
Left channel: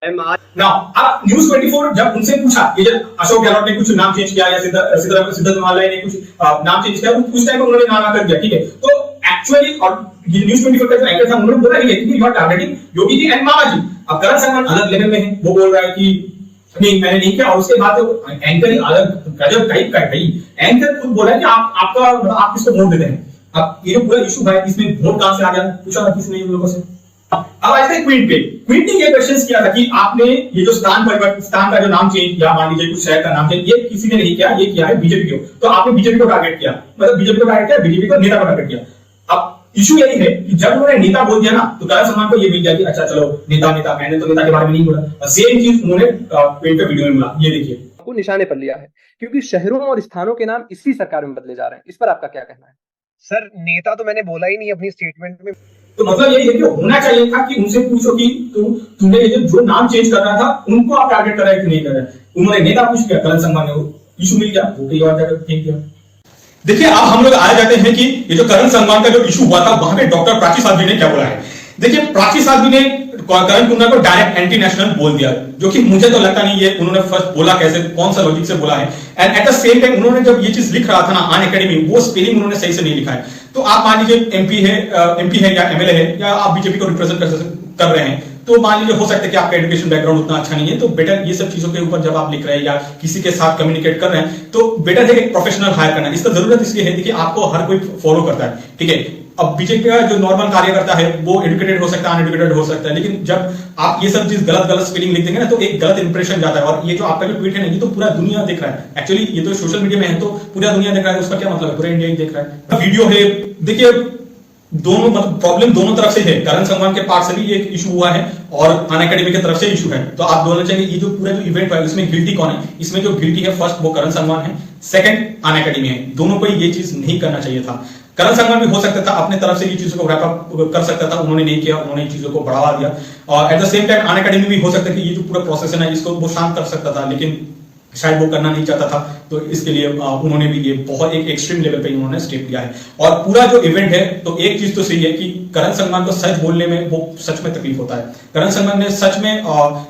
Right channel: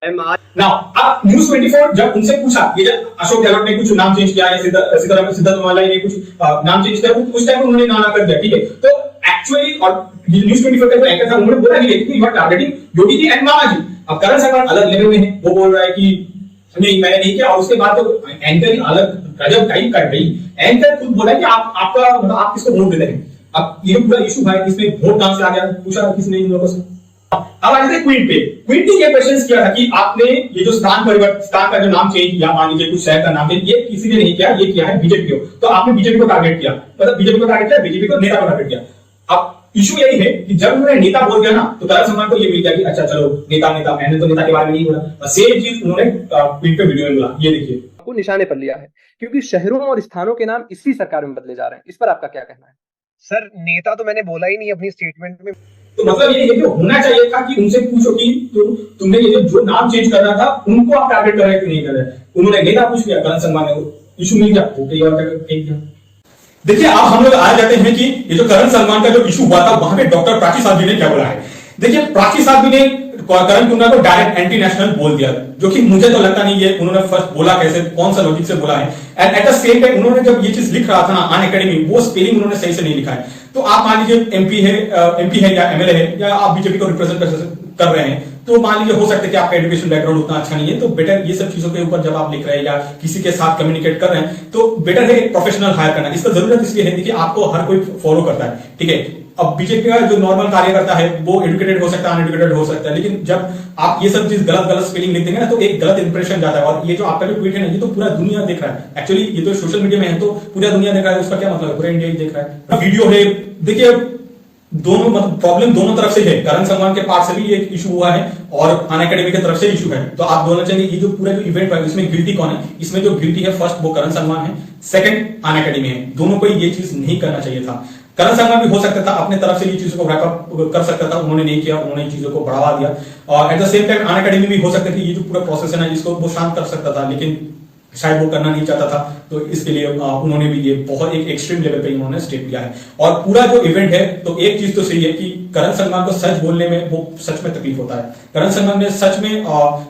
अब न्यूज़ 24 जब उनसे पूछा, ये जब अशोक गहलोत ने कुछ नाम चेंज किया या सिद्धारमैया ने कुछ नाम चेंज किया, उस टाइम उन्होंने नाम कर दिया, ठीक है। तो एक्चुअली और न्यूज़ 24 का जो एंकर था उन्होंने बोला कि you are targeting Yogi ji and Mama ji. अब करण संगवान अलग लेवल में है, वो बोल रहा है कि नहीं मैंने नहीं किया, और उसके बाद तो एंकर ही अलग गजब टाइप का गई। एंकर खुद बोला कि आपका मतलब आप किसको वोट देते हैं। अब ये जो पूरा इशू है इसमें वोट कहां से आ गया, पूछा किसने इन लोगों से। अब आ जाते क्वीन पे। क्वीन ने ये क्वेश्चन किया था कि आपने ये जो स्थान का जो नाम चेंज या मान लीजिए कुछ शहर का नाम चेंज, ये किसी ने नहीं किया, ये किया है बीजेपी को। तो आपने बीजेपी को टारगेट किया, मतलब बीजेपी को टारगेट किया, बीजेपी को नेता को टारगेट किया। अब इशू यही है कि जब उन्होंने नेता बोल दिया ना, तो करण संगवान को ये मिल गया कि अच्छा चलो नेता, मैंने तो नेता के बारे में नहीं बोला। और सेम चीज उन्होंने क्वीन पे वीडियो में बोला, ये देखिए। को निशाने पर लिया है क्योंकि शहरों और स्थानों के नाम इसी सरकार में बदले जा रहे हैं। इस पर आपका क्या कहना है? सर नेता तो मैंने बोला ही नहीं अपनी स्टेटमेंट में। तो मतलब ये है कि होना चाहिए था कि उनसे पूछो कि तुमने ये जो नाम चेंज कर रहा था उनको आप टारगेट कर रहे हैं कि नहीं कर रहे। उन्होंने नेता पूछ लिया, करण संगवान ने इशू मिल गया, वो कहीं और जगह फेंक दिया। देखिए अब हम लोग आ जाते हैं कि ये जो करण संगवान का जो इशू हुआ था वहां पे डॉक्टर प्राची साध्वी ने क्या बोला है। देखिए प्राची साध्वी ने करण कुंडा को डायरेक्ट एंटी नेशनल बोल दिया, जो कि मुझे तो लगता नहीं है उन्होंने फर्स्ट बोला कैसे, कौन सा लॉजिक से बोला है। And at the same time उन्होंने जब ये चीज लिख रहा था ना अनअकैडमी, वो स्पेलिंग उन्होंने सही से नहीं लिखा है। तो आप मान लीजिए एमपी है या एमएलए है या आप बीजेपी को रिप्रेजेंट कर रहे हैं, तो मान लीजिए हो सकता है कि आपका एजुकेशन बैकग्राउंड उतना अच्छा नहीं है, तो बेटर ये सब चीजों के ऊपर जब आप लिख रहे हैं या किसी के साथ कम्युनिकेट कर रहे हैं तो बेटर है एक प्रोफेशनल हायर करना। इसका जरूरत इसलिए है कि आपको हर कोई फॉलो करता है, ठीक है। अब बीजेपी का जो नॉर्मल कार्यकर्ता है वो एजुकेटेड हो सकता है, अनएजुकेटेड हो सकता है, लेकिन जब आप ये सब चीज गलत स्पेलिंग लिख देंगे ना तो एक गलत इंप्रेशन जाता है। और ये जो आपका जो ट्वीट है ना, ये तो पूरा दुनिया देख रहा है। एक्चुअली ये तो सोशल मीडिया में है तो पूरा दुनिया देख रहा है, उसका क्या मतलब है, पूरा इंडिया ही देख रहा है। वीडियो है, देखिए दोनों मतलब प्रॉब्लम दोनों तरफ से है। करण संगवान के पार्ट से भी एक इशू हुआ है और अनअकैडमी की तरफ से इशू है। तो आप दोनों चाहिए ये जो पूरा जो इवेंट है इसमें गिल्टी कौन है, इसमें जो गिल्टी है फर्स्ट वो करण संगवान है, सेकंड अनअकैडमी है। दोनों को ये चीज नहीं करना चाहिए था। करण संगवान भी हो सकता था अपने तरफ से ये चीजों को रैप अप कर सकता था, उन्होंने नहीं किया, उन्होंने चीजों को बढ़ावा दिया। और at the same time Unacademy भी हो सकता है कि ये जो पूरा प्रोसेस है ना इसको वो शांत कर सकता था, लेकिन शायद वो करना नहीं चाहता था। तो इसके लिए उन्होंने भी ये बहुत एक एक्सट्रीम लेवल पे उन्होंने स्टेप लिया है। और पूरा जो इवेंट है तो एक चीज तो सही है कि करण संगवान को सच बोलने में वो सच में तकलीफ होता है। करण संगवान ने सच में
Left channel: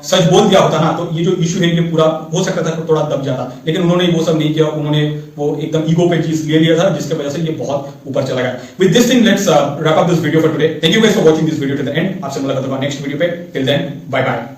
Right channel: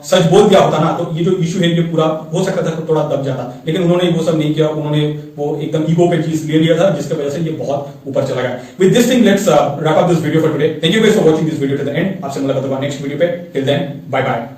सच बोल दिया होता ना तो ये जो इशू है ये पूरा हो सकता था थोड़ा दब जाता, लेकिन उन्होंने वो सब नहीं किया। उन्होंने वो एकदम ईगो पे चीज ले लिया था जिसकी वजह से ये बहुत ऊपर चला गया। With this thing let's wrap up this video for today. Thank you guys for watching this video to the end. आपसे मुलाकात होगा नेक्स्ट वीडियो पे। Till then bye bye.